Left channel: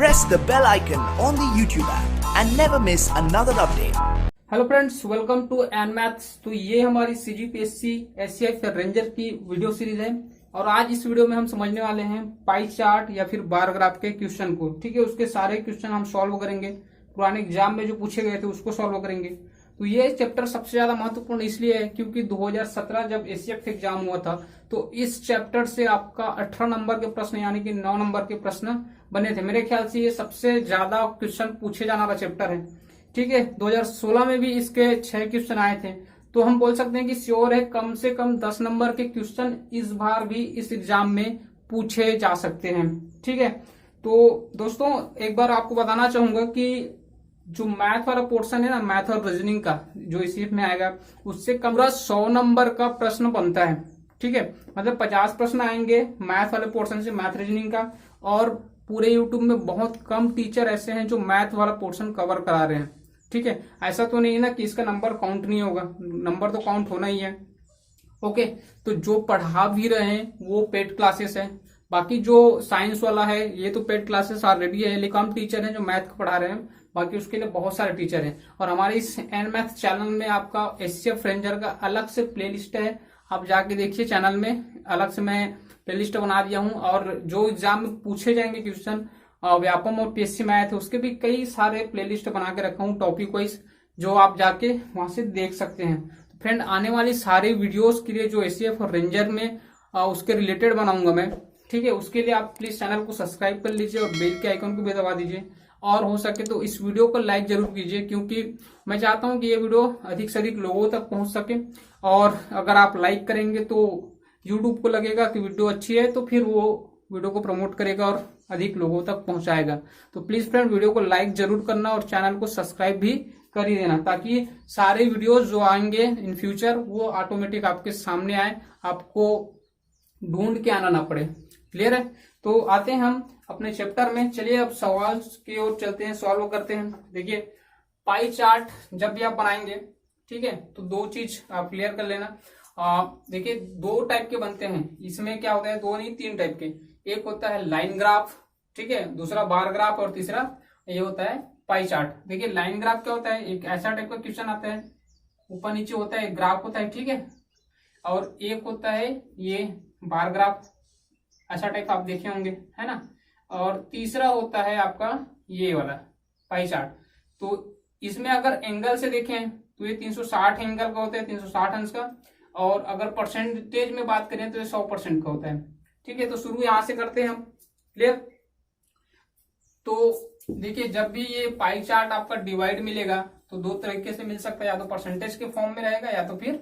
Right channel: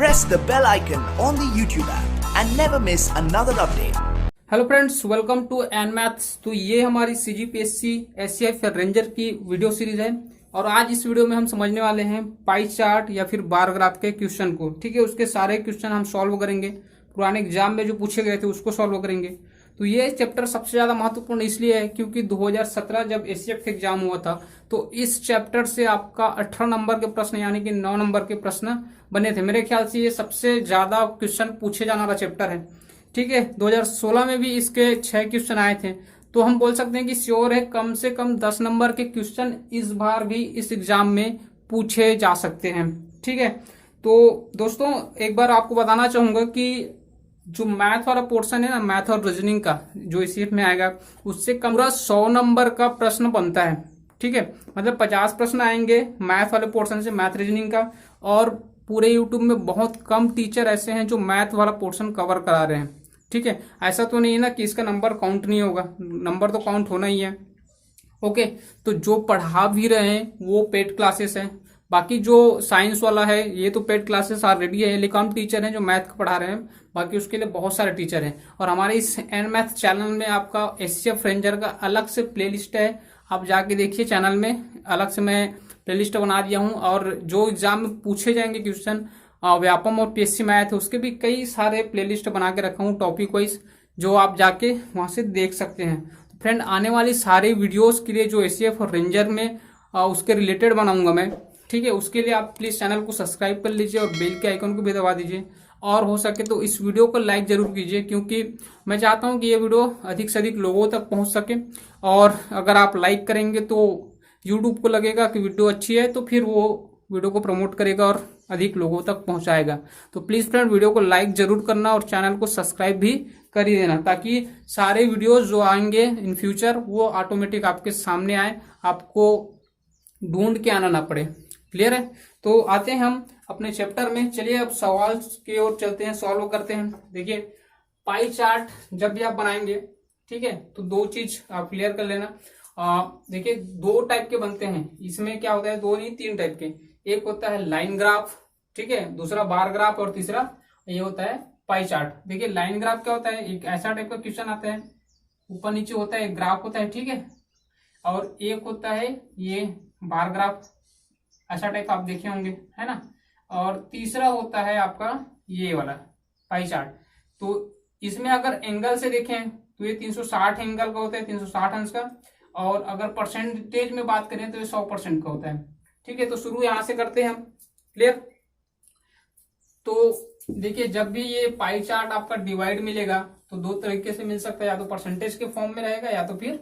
press the bell icon on the YouTube app and never miss another update. Hello friends, welcome to N maths. तो ये हमारी CGPSC SCF ranger की video series है और आज इस वीडियो में हम समझने वाले हैं पाई चार्ट या फिर बार ग्राफ के क्वेश्चन को। ठीक है, उसके सारे क्वेश्चन हम सॉल्व करेंगे। पुराने एग्जाम में जो पूछे गए थे उसको सॉल्व करेंगे। तो ये चैप्टर सबसे ज्यादा महत्वपूर्ण इसलिए है क्योंकि 2017 जब एससीएफ का एग्जाम हुआ था तो इस चैप्टर से आपका 18 नंबर के प्रश्न यानी कि 9 नंबर के प्रश्न बने थे। मेरे ख्याल से ये सबसे ज्यादा क्वेश्चन पूछे जाने वाला चैप्टर है। ठीक है, 2016 में भी इसके 6 क्वेश्चन आए थे। तो हम बोल सकते हैं कि श्योर है कम से कम 10 नंबर के क्वेश्चन इस बार भी इस एग्जाम में पूछे जा सकते हैं। ठीक है, तो दोस्तों एक बार आपको बताना चाहूंगा कि जो मैथ वाला पोर्शन है ना, मैथ और रीजनिंग का जो इस में आएगा उससे कम 100 नंबर का प्रश्न बनता है। ठीक है, मतलब 50 प्रश्न आएंगे मैथ वाले पोर्शन से, मैथ रीजनिंग का। और पूरे यूट्यूब में बहुत कम टीचर ऐसे हैं जो मैथ वाला पोर्शन कवर करा रहे हैं। ठीक है, ऐसा तो नहीं है ना कि इसका नंबर काउंट नहीं होगा, नंबर तो काउंट होना ही है। ओके, तो जो पढ़ा भी रहे हैं वो पेड क्लासेस है। बाकी जो साइंस वाला है ये तो पेड क्लासेस ऑलरेडी है, लेकिन कम टीचर हैं जो मैथ पढ़ा रहे हैं। बाकी उसके लिए बहुत सारे टीचर हैं। और हमारे इस एन मैथ चैनल में आपका एससीएफ रेंजर का अलग से प्लेलिस्ट है, आप जाके देखिए चैनल में। अलग से मैं प्लेलिस्ट बना दिया हूं और जो एग्जाम में पूछे जाएंगे क्वेश्चन व्यापम और पीएससी मैथ उसके भी कई सारे प्लेलिस्ट बना के रखा हूं टॉपिक वाइज, जो आप जाके वहां से देख सकते हैं। तो फ्रेंड आने वाली सारी वीडियोस के लिए जो एससीएफ और रेंजर में उसके रिलेटेड बनाऊंगा मैं। ठीक है, उसके लिए आप प्लीज चैनल को सब्सक्राइब कर लीजिए और बेल के आइकन को भी दबा दीजिए। और हो सके तो इस वीडियो को लाइक जरूर कीजिए क्योंकि मैं चाहता हूं कि ये वीडियो अधिक से अधिक लोगों तक पहुंच सके। और अगर आप लाइक करेंगे तो यूट्यूब को लगेगा कि वीडियो अच्छी है, तो फिर वो वीडियो को प्रमोट करेगा और अधिक लोगों तक पहुंचाएगा। तो प्लीज फ्रेंड वीडियो को लाइक जरूर करना और चैनल को सब्सक्राइब भी कर ही देना, ताकि सारे वीडियोस जो आएंगे इन फ्यूचर वो ऑटोमेटिक आपके सामने आए, आपको ढूंढ के आना ना पड़े। क्लियर है? तो आते हैं हम अपने चैप्टर में। चलिए अब सवाल की ओर चलते हैं, सॉल्व करते हैं। देखिए पाई चार्ट जब भी आप बनाएंगे, ठीक है, तो दो चीज आप क्लियर कर लेना। देखिए दो टाइप के बनते हैं इसमें। क्या होता है, दो नहीं 3 टाइप के। एक होता है लाइन ग्राफ, ठीक है, दूसरा बार ग्राफ और तीसरा ये होता है पाई चार्ट। देखिए लाइन ग्राफ क्या होता है, एक ऐसा टाइप का क्वेश्चन आता है, ऊपर नीचे होता है, एक ग्राफ होता है। ठीक है, और एक होता है ये बार ग्राफ, ऐसा टाइप आप देखे होंगे, है ना। और तीसरा होता है आपका ये वाला पाई चार्ट। तो इसमें अगर एंगल से देखें तो ये 360 एंगल का होता है, 360 अंश का। और अगर परसेंटेज में बात करें तो ये 100% का होता है। ठीक है, तो शुरू यहां से करते हैं हम। क्लियर? तो देखिए जब भी ये पाई चार्ट आपका डिवाइड मिलेगा तो दो तरीके से मिल सकता है, या तो परसेंटेज के फॉर्म में रहेगा या तो फिर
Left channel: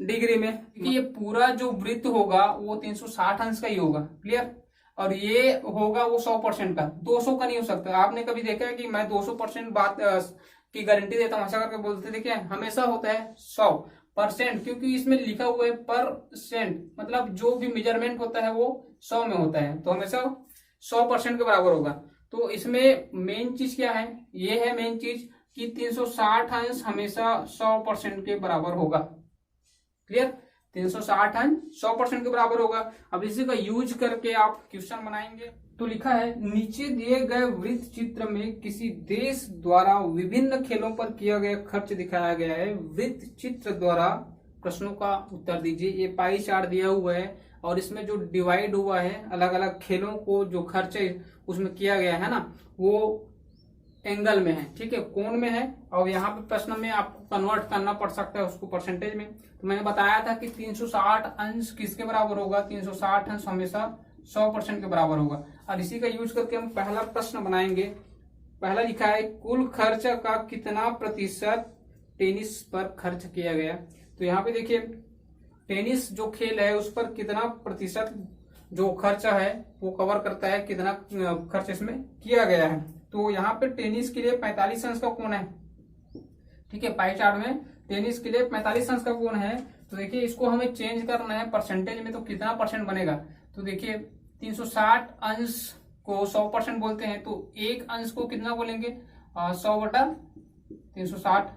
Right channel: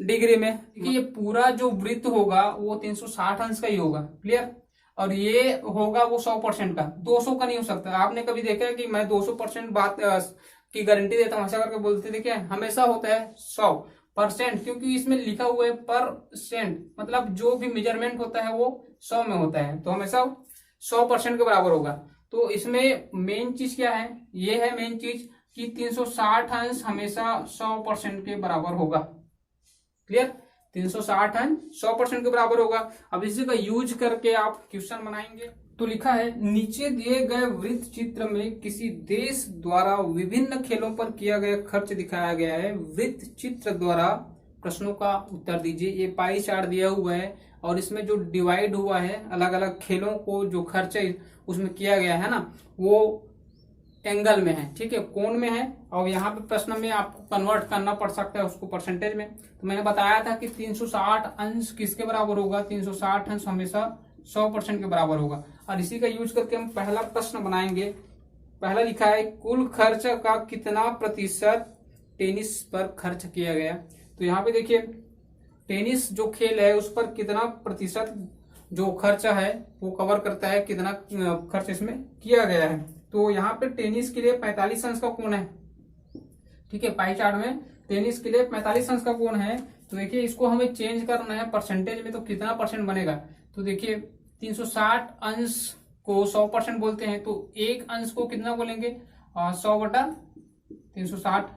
डिग्री में। ये पूरा जो वृत्त होगा वो 360 अंश का ही होगा। क्लियर? और ये होगा वो 100% का, 200 का नहीं हो सकता। आपने कभी देखा है कि मैं 200% बात की गारंटी देता हूं ऐसा करके बोलते थे क्या? हमेशा होता है 100%, क्योंकि इसमें लिखा हुआ है परसेंट, मतलब जो भी मेजरमेंट होता है वो 100 में होता है, तो हमेशा 100% के बराबर होगा। तो इसमें मेन चीज क्या है, ये है मेन चीज कि 360 अंश हमेशा 100% के बराबर होगा। क्लियर? 360 अंश 100% के बराबर होगा। अब इसी का यूज करके आप क्वेश्चन बनाएंगे। तो लिखा है नीचे दिए गए वृत्त चित्र में किसी देश द्वारा विभिन्न खेलों पर किया गया खर्च दिखाया गया है। वृत्त चित्र द्वारा प्रश्नों का उत्तर दीजिए। ये पाई चार्ट दिया हुआ है और इसमें जो डिवाइड हुआ है अलग अलग खेलों को जो खर्च उसमें किया गया है ना, वो एंगल में है, ठीक है, कोण में है। और यहाँ पे प्रश्न में आपको कन्वर्ट करना पड़ सकता है उसको परसेंटेज में। तो मैंने बताया था कि 360 अंश किसके बराबर होगा, 360 अंश हमेशा 100% के बराबर होगा। और इसी का यूज करके हम पहला प्रश्न बनाएंगे। पहला लिखा है कुल खर्च का कितना प्रतिशत टेनिस पर खर्च किया गया। तो यहाँ पे देखिए टेनिस जो खेल है उस पर कितना प्रतिशत जो खर्चा है वो कवर करता है, कितना खर्च इसमें किया गया है। तो यहाँ पे टेनिस के लिए 45 अंश का कोण है। ठीक है, पाई चार्ट में टेनिस के लिए 45 अंश का कोण है। तो देखिए इसको हमें चेंज करना है परसेंटेज में, तो कितना परसेंट बनेगा। तो देखिए 360 अंश को 100% बोलते हैं, तो एक अंश को कितना बोलेंगे, 100/360।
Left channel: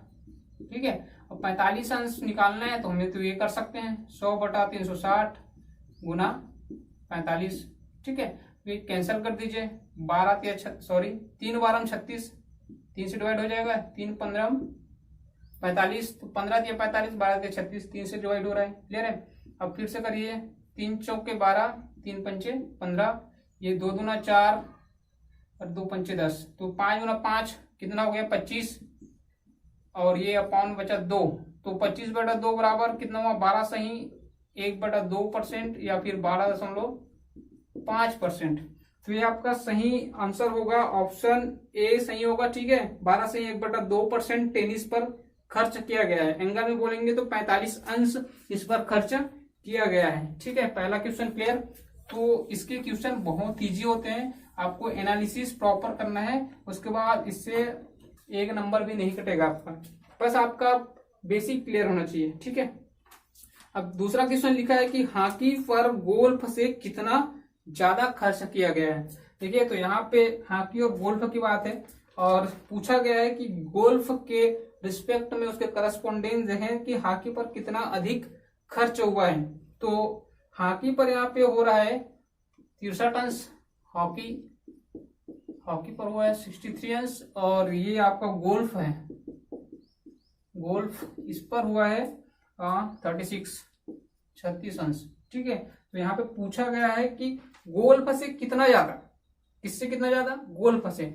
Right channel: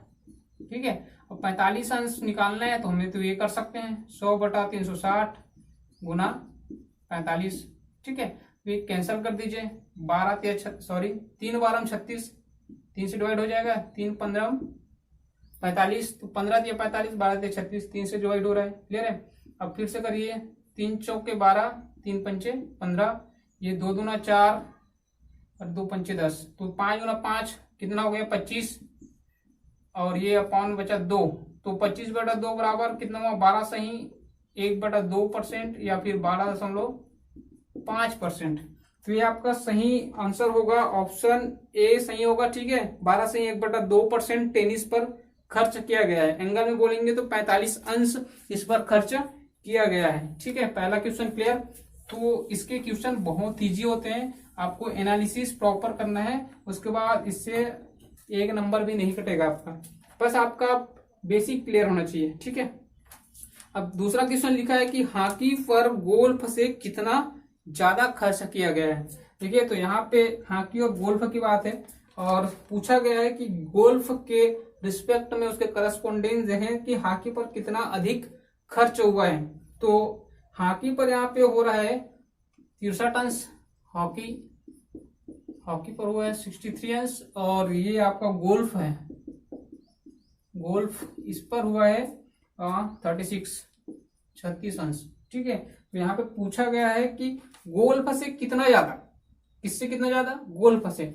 ठीक है, अब 45 अंश निकालना है तो हमें तो ये कर सकते हैं 100/360 गुना 45। ठीक है, तो ये कैंसिल कर दीजिए। 3 बार 36, 3 से डिवाइड हो जाएगा, 3 15 45, तो 15 दिया 45, 12 दिया 36, 3 से डिवाइड हो रहा है। क्लियर है। अब फिर से करिए, 3 चौके 12, 3 पंचे 15, ये 2 दूना 4 और 2 पंचे 10, तो 5 गुना 5 कितना हो गया 25, और ये अपॉन बचा 2, तो 25/2 बराबर कितना हुआ 12 सही 1/2% या फिर 12.5%। तो ये आपका सही आंसर होगा, ऑप्शन ए सही होगा। ठीक है, 12 से 1/2% टेनिस पर खर्च किया गया है। एंगल में बोलेंगे तो 45 अंश इस पर खर्च किया गया है। ठीक है, पहला क्वेश्चन क्लियर। तो इसके क्वेश्चन बहुत इजी होते हैं, आपको एनालिसिस प्रॉपर करना है, उसके बाद इससे 1 नंबर भी नहीं कटेगा आपका, बस आपका बेसिक क्लियर होना चाहिए। ठीक है, अब दूसरा क्वेश्चन लिखा है कि हॉकी पर गोल्फ से कितना ज्यादा खर्च किया गया है। देखिए, तो यहाँ पे हॉकी और गोल्फ की बात है, और पूछा गया है कि गोल्फ के रिस्पेक्ट में उसके करस्पॉन्डेंस है कि हॉकी पर कितना अधिक खर्च हुआ है। तो हॉकी पर यहाँ पे हो रहा है 63 अंश, हॉकी पर हुआ है 63 अंश, और ये आपका गोल्फ है, गोल्फ इस पर हुआ है 36 अंश। ठीक है, तो यहाँ पे पूछा गया है कि गोल्फ से कितना ज्यादा, किससे कितना ज्यादा, गोल्फ से।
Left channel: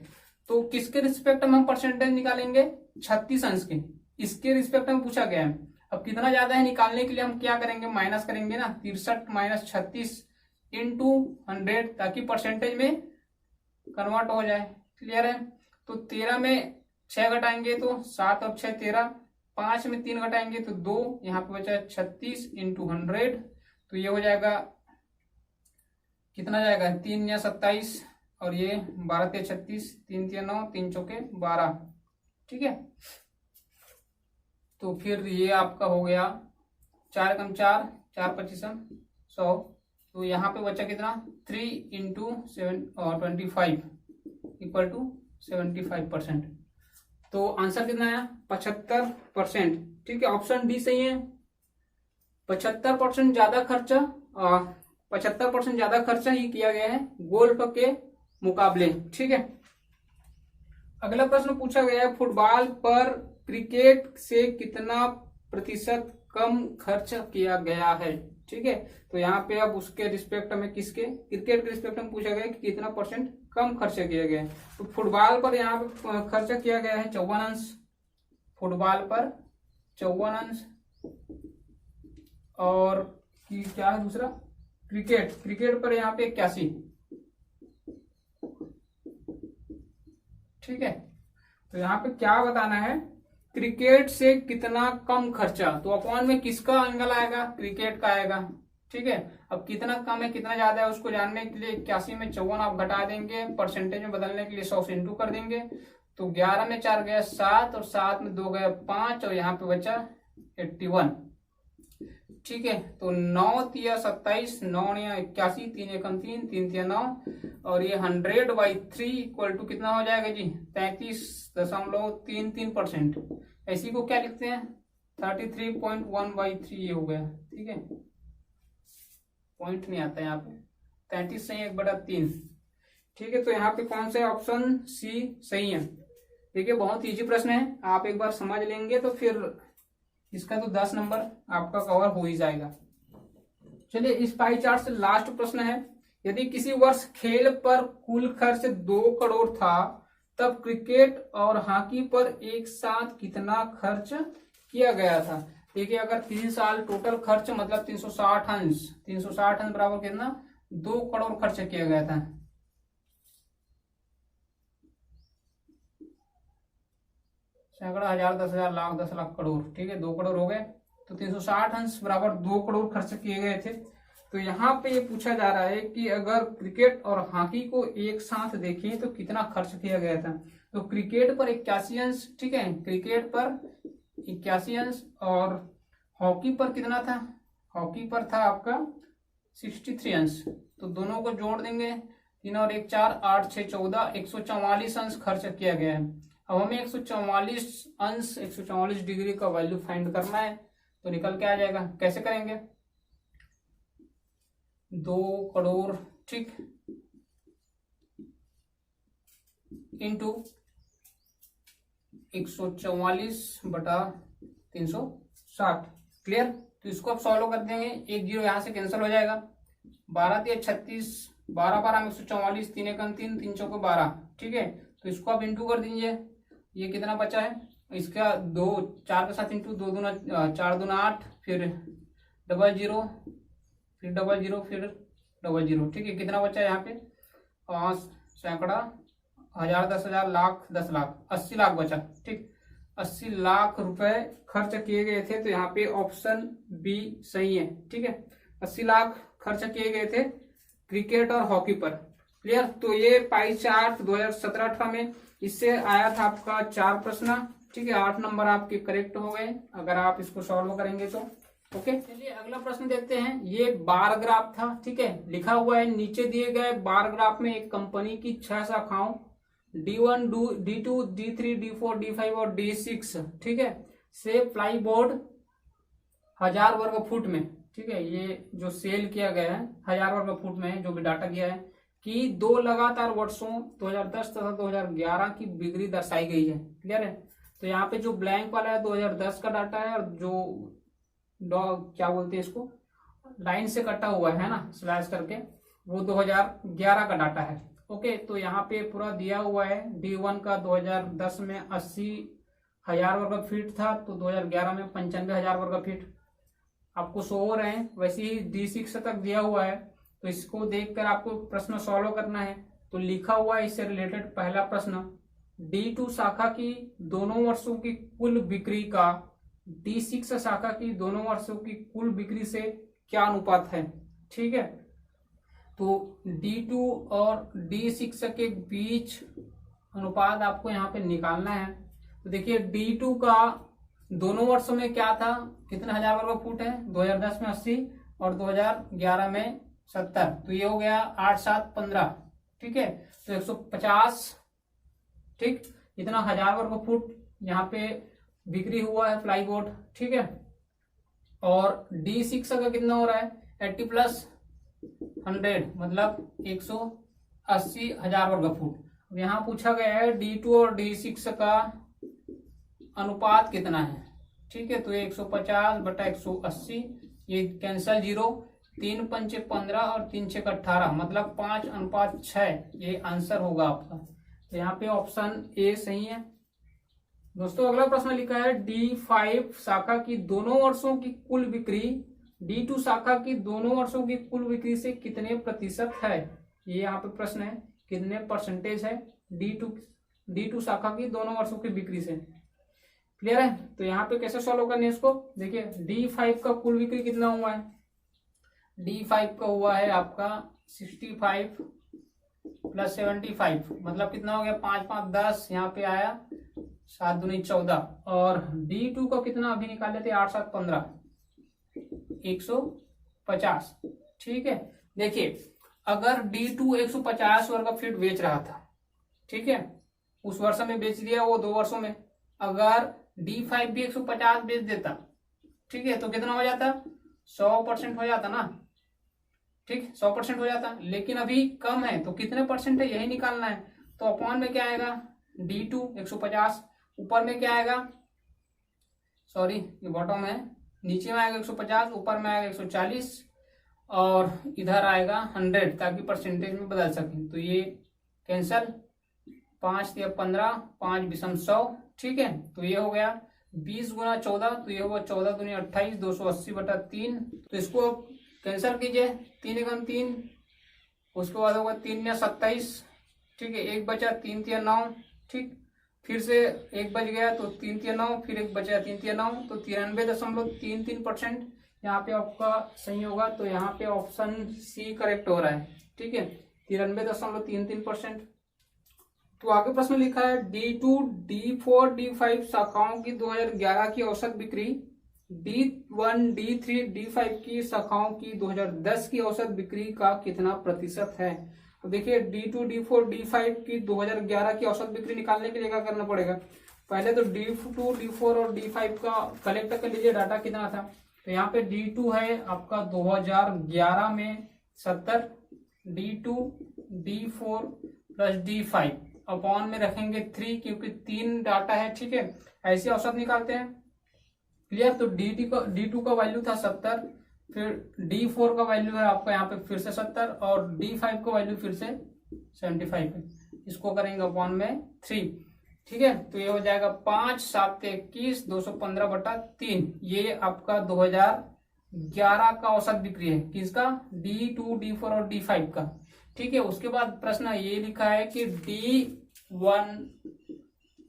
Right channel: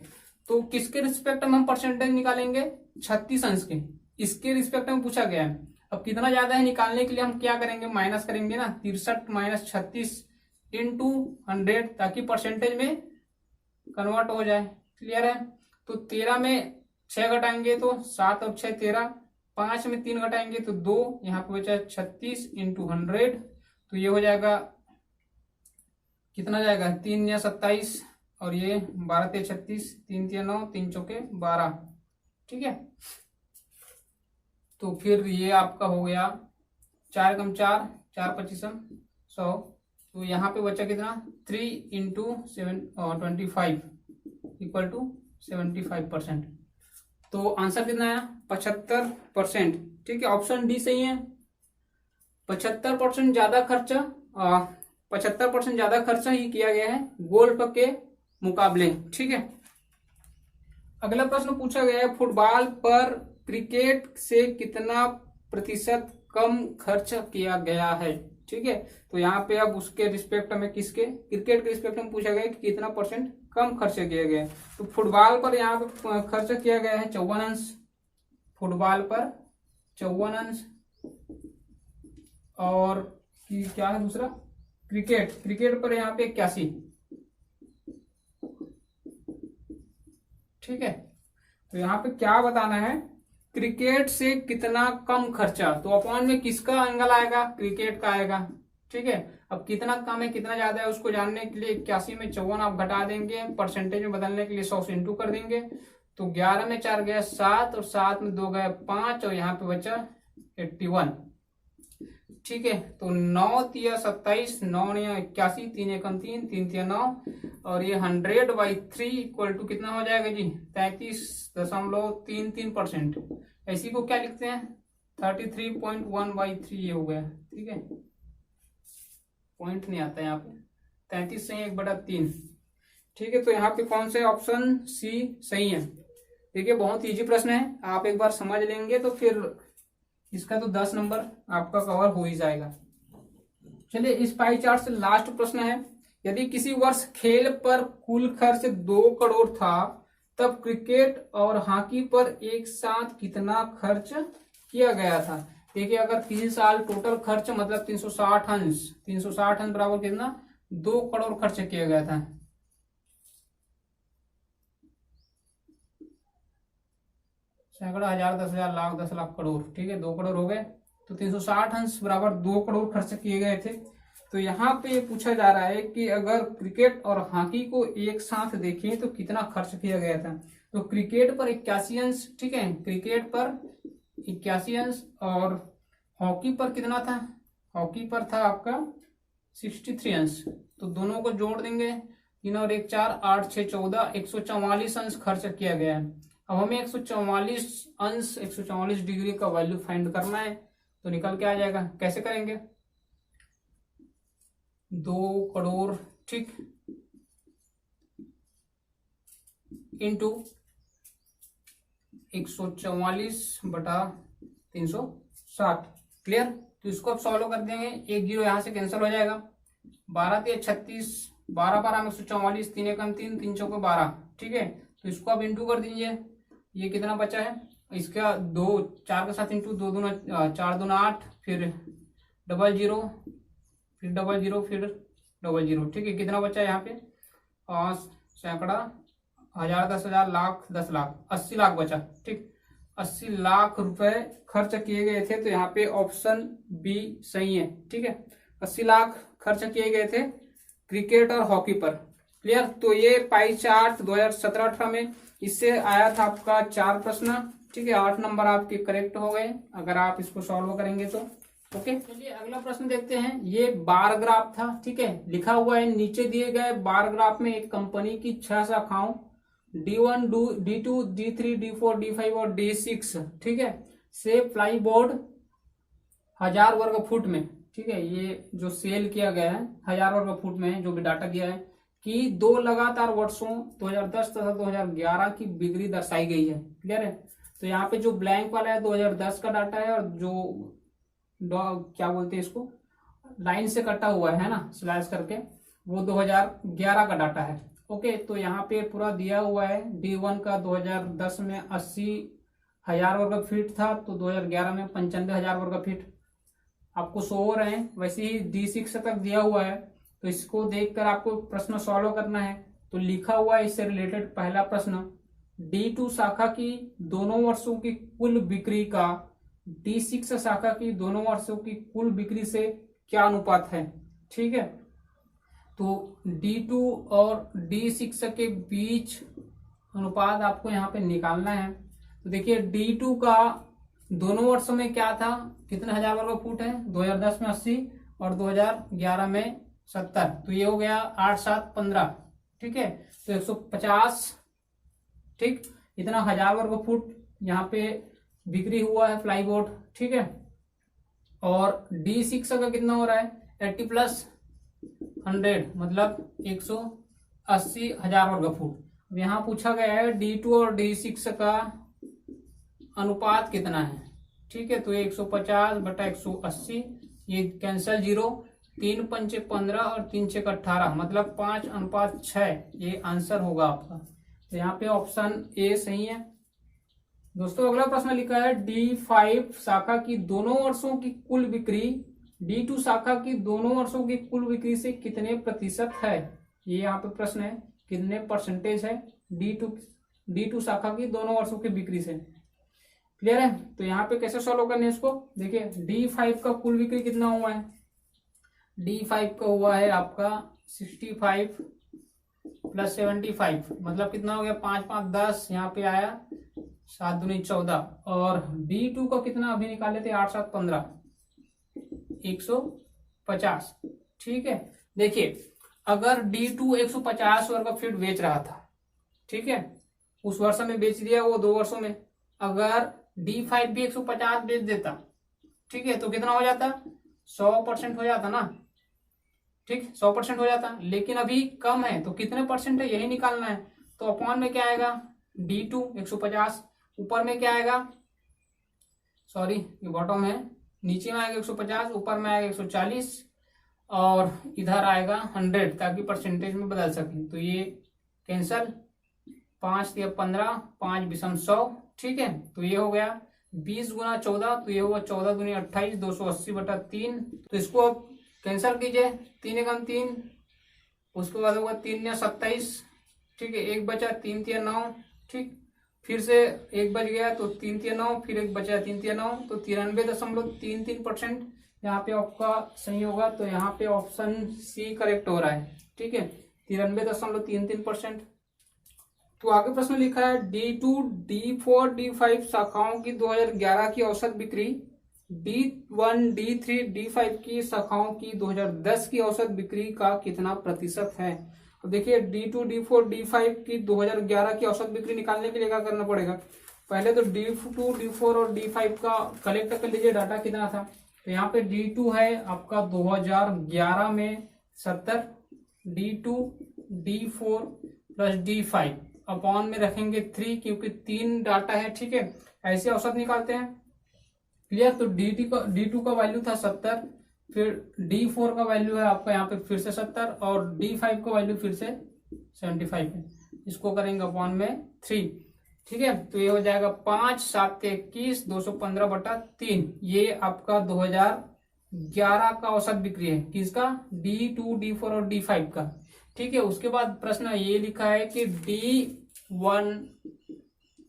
तो किसके रिस्पेक्ट में हम परसेंटेज निकालेंगे, 36 अंश के, इसके रिस्पेक्ट में पूछा गया है। अब कितना ज्यादा है निकालने के लिए हम क्या करेंगे, माइनस करेंगे ना, 63 - 36 इंटू 100, ताकि परसेंटेज में कन्वर्ट हो जाए। क्लियर है। तो 13 में 6 घटाएंगे तो 7 और 6 13, 5 में 3 घटाएंगे तो 2, यहाँ पे बचा 36 इंटू 100, तो ये हो जाएगा कितना जाएगा, 3 या 27, और ये 12 ते 36, 3 तिया 9, 3 चौके 12। ठीक है, तो फिर ये आपका हो गया 4 कम 4, 4 25 100, तो यहाँ पे बचा कितना 3 इंटू 25 इक्वल टू 75%। तो आंसर कितना है 75%। ठीक है, ऑप्शन डी सही है। 75% ज्यादा खर्चा, 75% ज्यादा खर्चा ही किया गया है गोल्फ के मुकाबले। ठीक है, अगला प्रश्न पूछा गया है फुटबॉल पर क्रिकेट से कितना प्रतिशत कम खर्च किया गया है। ठीक है, तो यहाँ पे अब उसके रिस्पेक्ट में, किसके, क्रिकेट के रिस्पेक्ट में पूछा गया है कि कितना परसेंट कम खर्च किया गया है। तो फुटबॉल पर यहाँ पे खर्च किया गया है 54 अंश, फुटबॉल पर 54 अंश, और क्या है दूसरा, क्रिकेट पर यहाँ पे 81। ठीक है, तो यहाँ पे क्या बताना है, क्रिकेट से कितना कम खर्चा, तो अपॉन में किसका एंगल आएगा, क्रिकेट का आएगा। ठीक है, अब कितना कम है कितना ज्यादा है उसको जानने के लिए 81 में 54 आप घटा देंगे, परसेंटेज में बदलने के लिए 100 से इंटू कर देंगे, तो 11 में 4 गया 7, और 7 में 2 गया 5, और यहाँ पे बचा 81। ठीक है, तो 9 तिया 27, 9 या 81, 3 एकम 3, 3 तिया 9, और ये 100/3 इक्वल टू कितना हो जाएगा जी 33.33%। इसी को क्या लिखते हैं 33.1/3 ये हो गया। ठीक है, पॉइंट नहीं आता यहाँ पे, 33 से 1/3। ठीक है, तो यहाँ पे कौन से ऑप्शन सी सही है। देखिए, बहुत इजी प्रश्न है, आप एक बार समझ लेंगे तो फिर इसका तो 10 नंबर आपका कवर हो ही जाएगा। चलिए, इस पाई चार्ट से लास्ट प्रश्न है, यदि किसी वर्ष खेल पर कुल खर्च 2 करोड़ था, तब क्रिकेट और हॉकी पर एक साथ कितना खर्च किया गया था। देखिए, अगर 3 साल टोटल खर्च मतलब 360 अंश, 360 अंश बराबर कितना 2 करोड़ खर्च किया गया था। सैकड़ा, हजार, 10,000, लाख, 10 लाख, करोड़। ठीक है, 2 करोड़ हो गए, तो 360 अंश बराबर 2 करोड़ खर्च किए गए थे। तो यहाँ पे ये पूछा जा रहा है कि अगर क्रिकेट और हॉकी को एक साथ देखें तो कितना खर्च किया गया था। तो क्रिकेट पर 81 अंश, ठीक है, क्रिकेट पर 81 अंश, और हॉकी पर कितना था, हॉकी पर था आपका 63 अंश। तो दोनों को जोड़ देंगे, 3 और 1 4, 8 6 14, 144 अंश खर्च किया गया है। अब हमें 144 अंश, 144 डिग्री का वैल्यू फाइंड करना है, तो निकल के आ जाएगा। कैसे करेंगे, 2 करोड़, ठीक, इंटू 144/360। क्लियर। तो इसको अब सॉल्व कर देंगे, एक जीरो यहां से कैंसिल हो जाएगा, 12 3 36, 12 12 में 144, 3 1 3, 3 चौके 12। ठीक है, तो इसको आप इंटू कर दीजिए, ये कितना बचा है, इसका 2 4 के साथ इंटू 2 दूना 4 दूना 8, फिर डबल जीरो, फिर डबल जीरो, फिर डबल जीरो। ठीक है, कितना बचा है यहाँ पे, 5 सैकड़ा, 1000 10,000 लाख 10 लाख, 80 लाख बचा। ठीक, 80 लाख रुपए खर्च किए गए थे, तो यहाँ पे ऑप्शन बी सही है। ठीक है, 80 लाख खर्च किए गए थे क्रिकेट और हॉकी पर। क्लियर। तो ये पाई चार्ट 2017-18 में इससे आया था आपका 4 प्रश्न। ठीक है, 8 नंबर आपके करेक्ट हो गए अगर आप इसको सॉल्व करेंगे तो। ओके, चलिए अगला प्रश्न देखते हैं। ये बार ग्राफ था। ठीक है, लिखा हुआ है नीचे दिए गए बार ग्राफ में एक कंपनी की 6 शाखाओं D1 D2 D3 D4 D5 और D6, ठीक है, से प्लाई बोर्ड 1000 वर्ग फुट में, ठीक है, ये जो सेल किया गया है 1000 वर्ग फुट में है, जो भी डाटा दिया है कि 2 लगातार वर्षों 2010 तथा 2011 की बिक्री दर्शाई गई है। क्लियर है। तो यहाँ पे जो ब्लैंक वाला है 2010 का डाटा है, और जो क्या बोलते हैं इसको, लाइन से कटा हुआ है ना स्लैश करके, वो 2011 का डाटा है। ओके, तो यहाँ पे पूरा दिया हुआ है। D1 का 2010 में 80,000 वर्ग फीट था, तो 2011 में 95,000 वर्ग फीट आपको शो हो रहे हैं। वैसे ही D6 तक दिया हुआ है, तो इसको देखकर आपको प्रश्न सॉल्व करना है। तो लिखा हुआ है इससे रिलेटेड पहला प्रश्न, D2 शाखा की दोनों वर्षों की कुल बिक्री का D6 शाखा की दोनों वर्षों की कुल बिक्री से क्या अनुपात है। ठीक है, तो D2 और D6 के बीच अनुपात आपको यहाँ पे निकालना है। तो देखिए D2 का दोनों वर्षों में क्या था, कितना 1000 वर्ग फुट है, 2010 में 80 और 2011 में 70, तो ये हो गया 8 7 15। ठीक है, तो 150, ठीक, इतना 1000 वर्ग फुट यहाँ पे बिक्री हुआ है प्लाईबोर्ड। ठीक है, और D6 का कितना हो रहा है, 80 + 100 मतलब 180,000 वर्ग फुट। यहाँ पूछा गया है D2 और D6 का अनुपात कितना है। ठीक है, तो 150/180, ये कैंसल, 0, 3 पंचे 15 और 3 छेक 18, मतलब 5:6, ये आंसर होगा आपका। तो यहाँ पे ऑप्शन ए सही है। दोस्तों अगला प्रश्न लिखा है D5 शाखा की दोनों वर्षों की कुल बिक्री D2 शाखा की दोनों वर्षों की कुल बिक्री से कितने प्रतिशत है। ये यहाँ पे प्रश्न है, कितने परसेंटेज है D2 शाखा की दोनों वर्षों की बिक्री से। क्लियर है। तो यहाँ पे कैसे सॉल्व करने इसको, देखिए D5 का कुल बिक्री कितना हुआ है, D5 का हुआ है आपका 65 + 75, मतलब कितना हो गया, 5 5 10, यहाँ पे आया 7 दूनी 14, और D2 का कितना अभी निकाले थे, 8 7 15, 150। ठीक है, देखिए अगर D2 150 वर्ग फीट बेच रहा था, ठीक है, उस वर्ष में बेच दिया वो 2 वर्षों में, अगर D5 भी 150 बेच देता, ठीक है, तो कितना हो जाता, 100% हो जाता ना। ठीक, 100% हो जाता, लेकिन अभी कम है, तो कितने परसेंट है यही निकालना है। तो अपॉन में क्या आएगा, D2 150, ऊपर में क्या आएगा, सॉरी ये बॉटम है, नीचे में आएगा 150, ऊपर में आएगा 140, और इधर आएगा 100, ताकि परसेंटेज में बदल सके। तो ये कैंसल, 5 × 15, 5 × 100। ठीक है, तो ये हो गया 20 × 14, तो ये हुआ 14 दूनी 28, 280/3। तो इसको कैंसल कीजिए, 3 × 3, उसके बाद होगा 3 × 27। ठीक है, 1 बचा, 3 × 9, ठीक, फिर से 1 बच गया, तो 3 × 9, फिर 1 बचा, 3 × 9, तो 93.33% यहाँ पे आपका सही होगा। तो यहाँ पे ऑप्शन सी करेक्ट हो रहा है। ठीक है, 93.33%। तो आगे प्रश्न लिखा है D2 D4 D5 शाखाओं की 2011 की औसत बिक्री D1 D3 D5 की शाखाओं की 2010 की औसत बिक्री का कितना प्रतिशत है। तो देखिए D2 D4 D5 की 2011 की औसत बिक्री निकालने के लिए क्या करना पड़ेगा, पहले तो D2 D4 और D5 का कलेक्ट कर लीजिए डाटा कितना था। तो यहाँ पे D2 है आपका 2011 में 70, D2 D4 + D5, अपॉन में रखेंगे 3 क्योंकि 3 डाटा है, ठीक है। ऐसे औसत निकालते हैं, क्लियर। तो D2 का वैल्यू था 70, फिर D4 का वैल्यू है आपका यहाँ पे फिर से 70 और D5 का वैल्यू फिर से 75 है। इसको करेंगे अपॉन में 3, ठीक है। तो ये हो जाएगा 5 7 21 215/3। ये आपका 2011 का औसत बिक्री है, किसका? D2 D4 और D5 का, ठीक है। उसके बाद प्रश्न ये लिखा है कि D1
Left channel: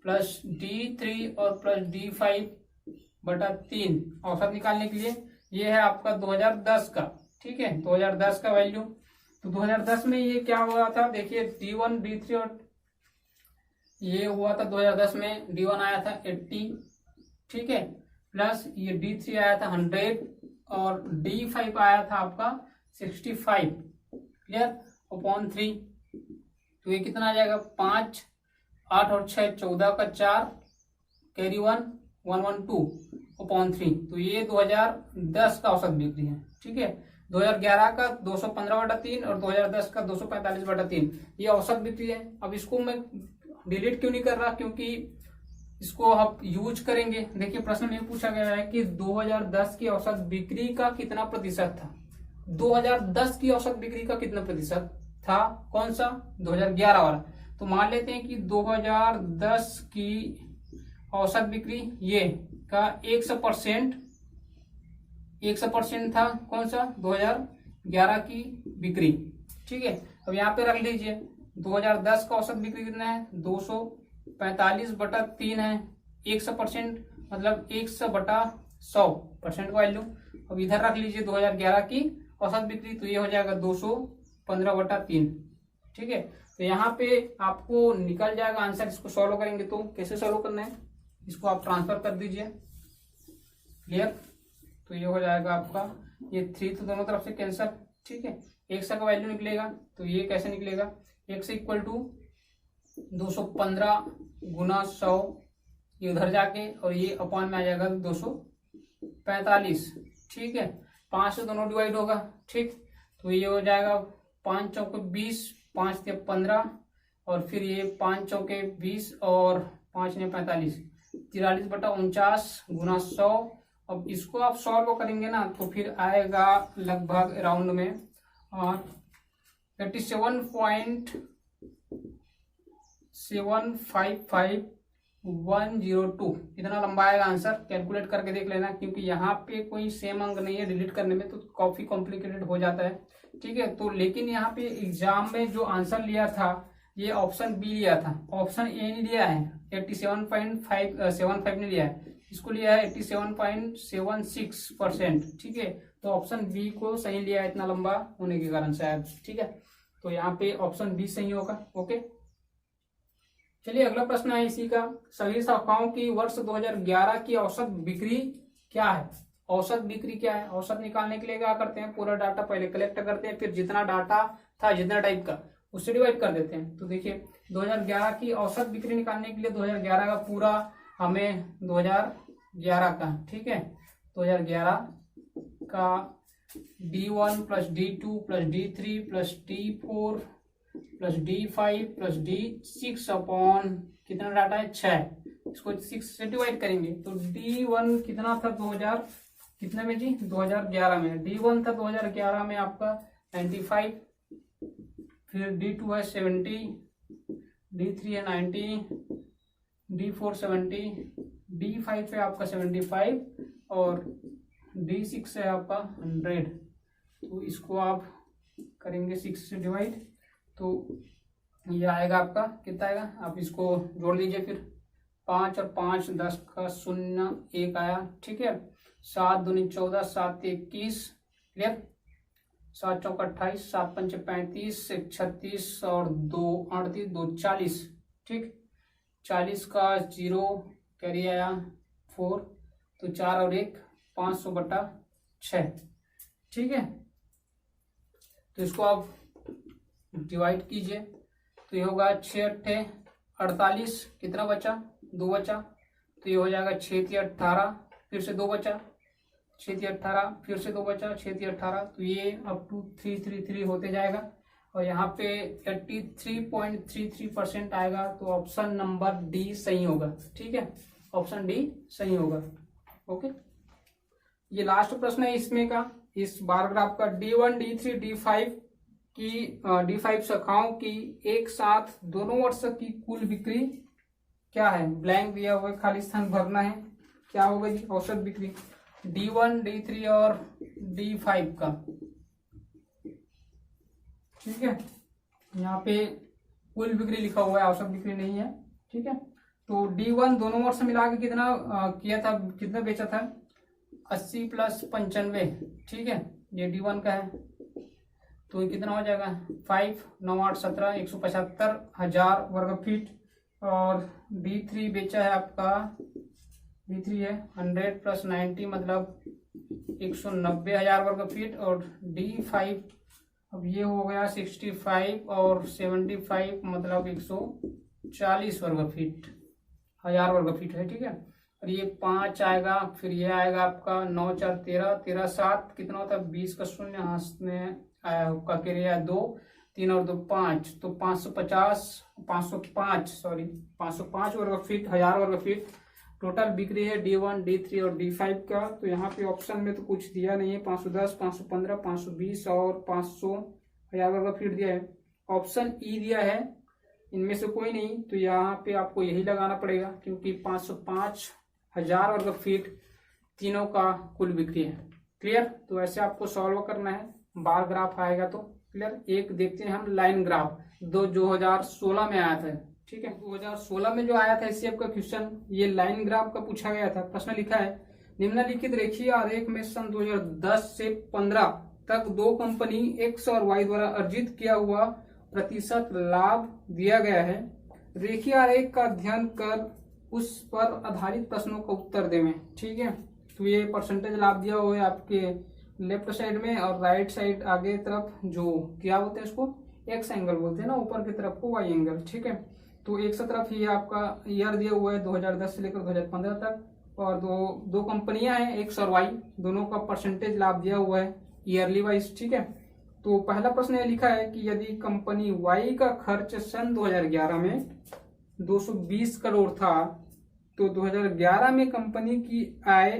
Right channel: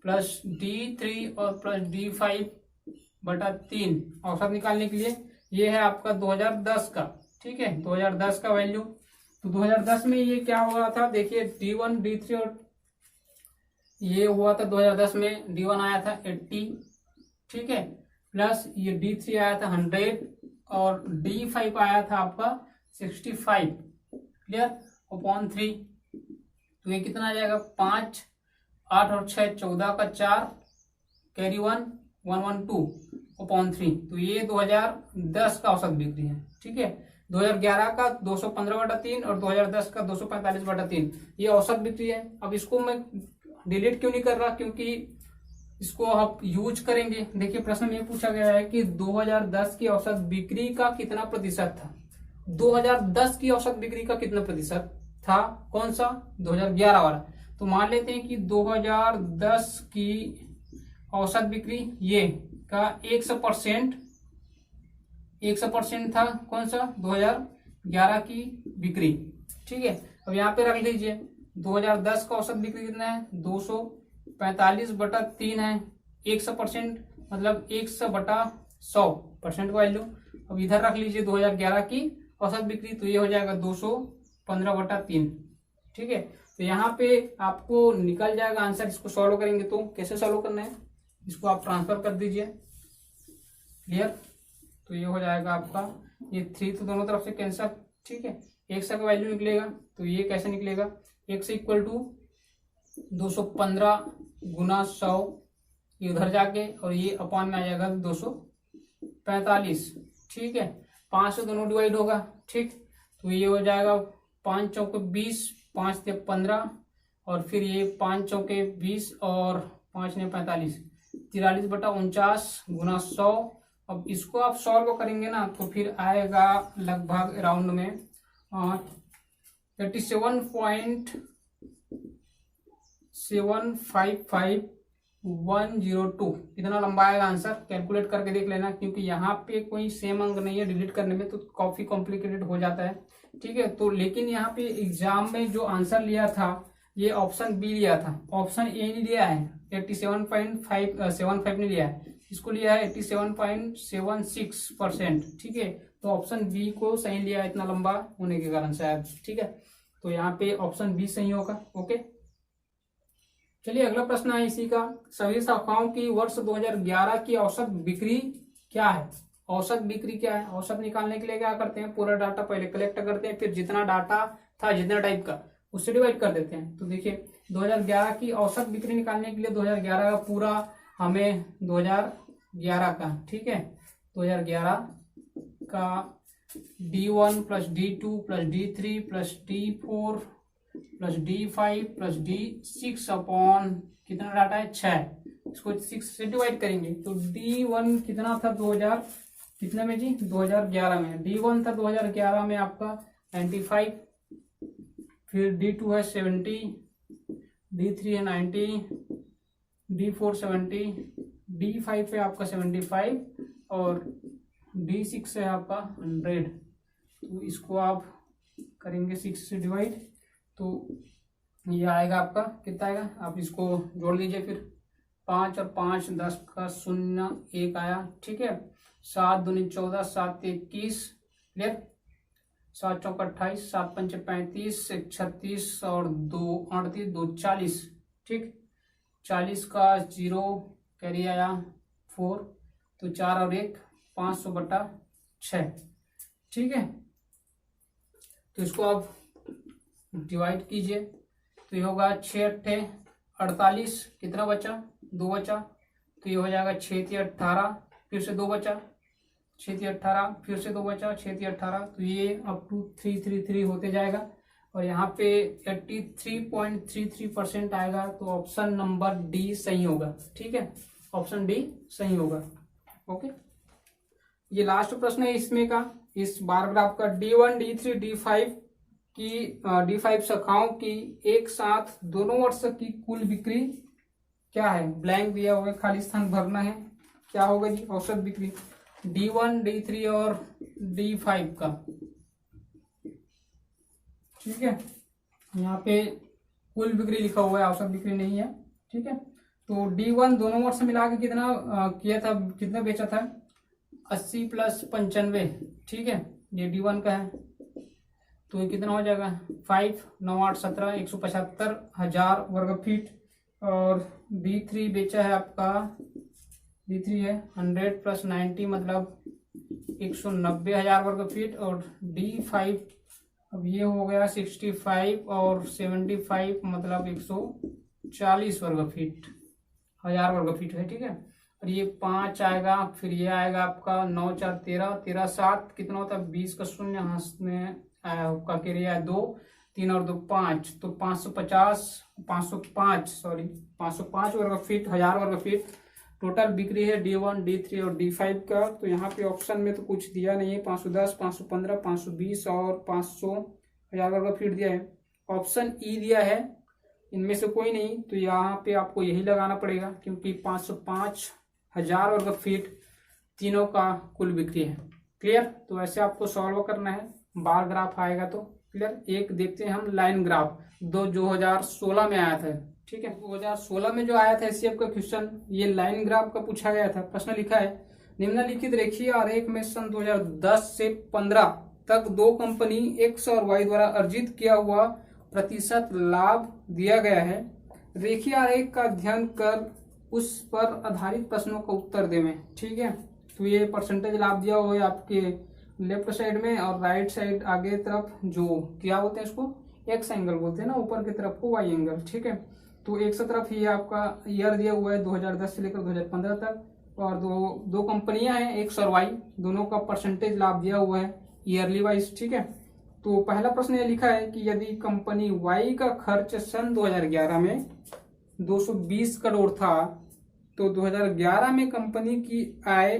प्लस D3 और प्लस D5/3 औसत निकालने के लिए ये है आपका 2010 का, ठीक है। 2010 का वैल्यू, तो 2010 में ये क्या हुआ था, देखिए D1 D3 और ये हुआ था 2010 में D1 आया था 80, ठीक है, प्लस ये D3 आया था 100 और D5 आया था आपका 65, क्लियर, अपॉन 3। तो ये कितना आ जाएगा, 5 8 और 6 14 का 4 कैरी 1 112 अपॉन 3। तो ये 2010 का औसत बिक्री है, ठीक है। 2011 का 215/3 और 2010 का 245/3 ये औसत बिक्री है। अब इसको मैं डिलीट क्यों नहीं कर रहा, क्योंकि इसको आप यूज करेंगे। देखिए प्रश्न में पूछा गया है कि 2010 की औसत बिक्री का कितना प्रतिशत था। 2010 की औसत बिक्री का कितना प्रतिशत था, कौन सा, 2011 वाला। तो मान लेते हैं कि 2010 की औसत बिक्री ये का 100% था, कौन सा, 2011 की बिक्री, ठीक है। अब यहाँ पे रख लीजिए 2010 का औसत बिक्री कितना है, 245/3 है। 100% मतलब 100/100% का वैल्यू। अब इधर रख लीजिए 2011 की औसत बिक्री, तो ये हो जाएगा 215/3, ठीक है। तो यहाँ पे आपको निकल जाएगा आंसर। इसको सॉल्व करेंगे तो कैसे सॉल्व करना है, इसको आप ट्रांसफर कर दीजिए, क्लियर। तो ये हो जाएगा आपका, ये 3 तो दोनों तरफ से कैंसिल, ठीक है। 100 का वैल्यू निकलेगा, तो ये कैसे निकलेगा, 100 इक्वल टू 215 गुना 100, ये उधर जाके और ये अपॉन में आ जाएगा 245, ठीक है। 5 से दोनों डिवाइड होगा, ठीक। तो ये हो जाएगा 5 चौके 20, 5 से 15 और फिर ये 5 चौके 20 और 5 ने 45, 43/49 गुना 100। अब इसको आप सॉल्व करेंगे ना तो फिर आएगा लगभग अराउंड में 37.755102, इतना लंबा आएगा आंसर। कैलकुलेट करके देख लेना, क्योंकि यहाँ पे कोई सेम अंक नहीं है, डिलीट करने में तो काफी कॉम्प्लिकेटेड हो जाता है, ठीक है। तो लेकिन यहाँ पे एग्जाम में जो आंसर लिया था ये ऑप्शन बी लिया था, ऑप्शन ए नहीं लिया है। 87.575 नहीं लिया है, इसको लिया है 87.76%, ठीक है। तो ऑप्शन बी को सही लिया है, इतना लंबा होने के कारण शायद, ठीक है। तो यहाँ पे ऑप्शन बी सही होगा, ओके। चलिए अगला प्रश्न है इसी का, सभी शाखाओं की वर्ष 2011 की औसत बिक्री क्या है। औसत बिक्री क्या है, औसत निकालने के लिए क्या करते हैं, पूरा डाटा पहले कलेक्ट करते हैं, फिर जितना डाटा था जितना टाइप का उससे डिवाइड कर देते हैं। तो देखिए 2011 की औसत बिक्री निकालने के लिए 2011 का पूरा हमें 2011 का, ठीक है, 2011 का D1 plus D2 plus D3 plus D4 plus D5 plus D6 upon कितना डाटा है, 6, इसको 6 से डिवाइड करेंगे। तो D1 कितना था 2000 कितने में जी, 2011 में। D1 था 2011 में आपका 95, फिर D2 है 70, D3 है 90, D4 70, D5 है आपका 75 और D6 है आपका 100। तो इसको आप करेंगे 6 से डिवाइड, तो ये आएगा आपका कितना आएगा, आप इसको जोड़ दीजिए फिर 5 और 5 10 का 0 1 आया, ठीक है। 7 दूनी 14, 7 21, क्लियर। 7 चौका 28, 7 पंचे 35, 1 36 और 2 38, 2 40, ठीक। 40 का 0 कैरी आया 4, तो 4 और 1 500/6, ठीक है। तो इसको आप डिवाइड कीजिए, तो ये होगा 6 8 48, कितना बचा, 2 बचा, तो ये हो जाएगा 6 3 18, फिर से 2 बचा, 6 3 18, फिर से 2 बचा, 6 3 18, तो ये अप टू 3 3 3 होते जाएगा। और यहाँ पे 83.33% आएगा, तो ऑप्शन नंबर डी सही होगा। ठीक है, ऑप्शन डी सही होगा। ओके, ये लास्ट प्रश्न है इसमें का, इस बार ग्राफ का। D1, D3, D5 की D5 शाखाओं की एक साथ दोनों वर्ष की कुल बिक्री क्या है? ब्लैंक दिया हुआ है, खाली स्थान भरना है। क्या होगा जी औसत बिक्री D1, D3 और D5 का? ठीक है, यहाँ पे कुल बिक्री लिखा हुआ है, औसत बिक्री नहीं है। ठीक है, तो D1 दोनों वर्ष मिला के कितना किया था, कितना बेचा था? 80 + 95। ठीक है, ये D1 का है, तो ये कितना हो जाएगा? 5 9 8 17 175,000 वर्ग फीट। और D3 बेचा है आपका, D3 है 100 + 90 मतलब 190,000 वर्ग फीट। और D5 अब ये हो गया 65 और 75 मतलब 140 वर्ग फीट, 1000 वर्ग फीट है। ठीक है, और ये 5 आएगा, फिर ये आएगा आपका 9 4 13 13 7 कितना होता है? 20 का शून्य हाथ में का क्रिया 2 3 और 2 5, तो 505 वर्ग फीट, 1000 वर्ग फीट टोटल बिक्री है D1, D3 और D5 का। तो यहाँ पे ऑप्शन में तो कुछ दिया नहीं है, 510, 515, 520 और 500 1000 वर्ग फीट दिया है। ऑप्शन ई दिया है, इनमें से कोई नहीं, तो यहाँ पे आपको यही लगाना पड़ेगा, क्योंकि 505,000 वर्ग फीट तीनों का कुल बिक्री है। क्लियर? तो ऐसे आपको सॉल्व करना है, बार ग्राफ आएगा तो। क्लियर? एक देखते हैं हम लाइन ग्राफ, 2016 में आया था। ठीक है, 2016 में जो आया था एससीएफ का क्वेश्चन, ये लाइन ग्राफ का पूछा गया था। प्रश्न लिखा है, निम्नलिखित रेखीय आरेख में सन 2010 से 15 तक दो कंपनी एक्स और वाई द्वारा अर्जित किया हुआ प्रतिशत लाभ दिया गया है। रेखीय आरेख का अध्ययन कर उस पर आधारित प्रश्नों का उत्तर देवें। ठीक है, तो ये परसेंटेज लाभ दिया हुआ है आपके लेफ्ट साइड में, और राइट साइड आगे तरफ जो क्या होता है इसको एक्स एंगल बोलते हैं ना, ऊपर की तरफ को वाई एंगल। ठीक है, तो एक तरफ ये आपका ईयर दिया हुआ है 2010 से लेकर 2015 तक, और दो कंपनियां हैं एक्स और वाई, दोनों का परसेंटेज लाभ दिया हुआ है ईयरली वाइज। ठीक है, तो पहला प्रश्न ये लिखा है कि यदि कंपनी वाई का खर्च सन 2011 में 220 करोड़ था, तो 2011 में कंपनी की आय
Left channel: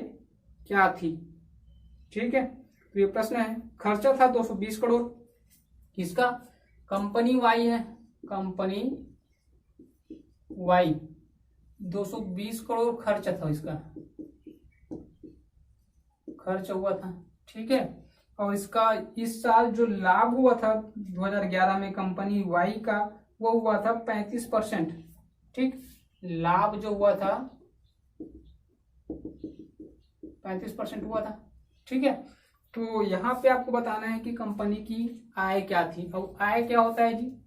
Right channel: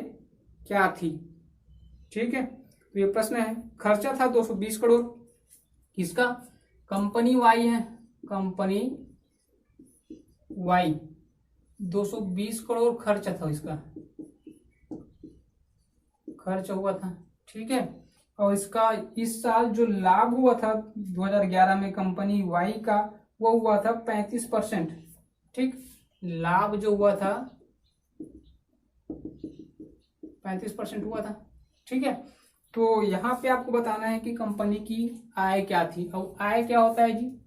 क्या थी? ठीक है, तो ये प्रश्न है, खर्चा था 220 करोड़, किसका? कंपनी वाई है, कंपनी वाई 220 करोड़ खर्च था, इसका खर्च हुआ था। ठीक है, और इसका इस साल जो लाभ हुआ था 2011 में कंपनी वाई का, वो हुआ था 35%। ठीक, लाभ जो हुआ था 35% हुआ था। ठीक है, तो यहाँ पे आपको बताना है कि कंपनी की आय क्या थी। अब आय क्या होता है जी?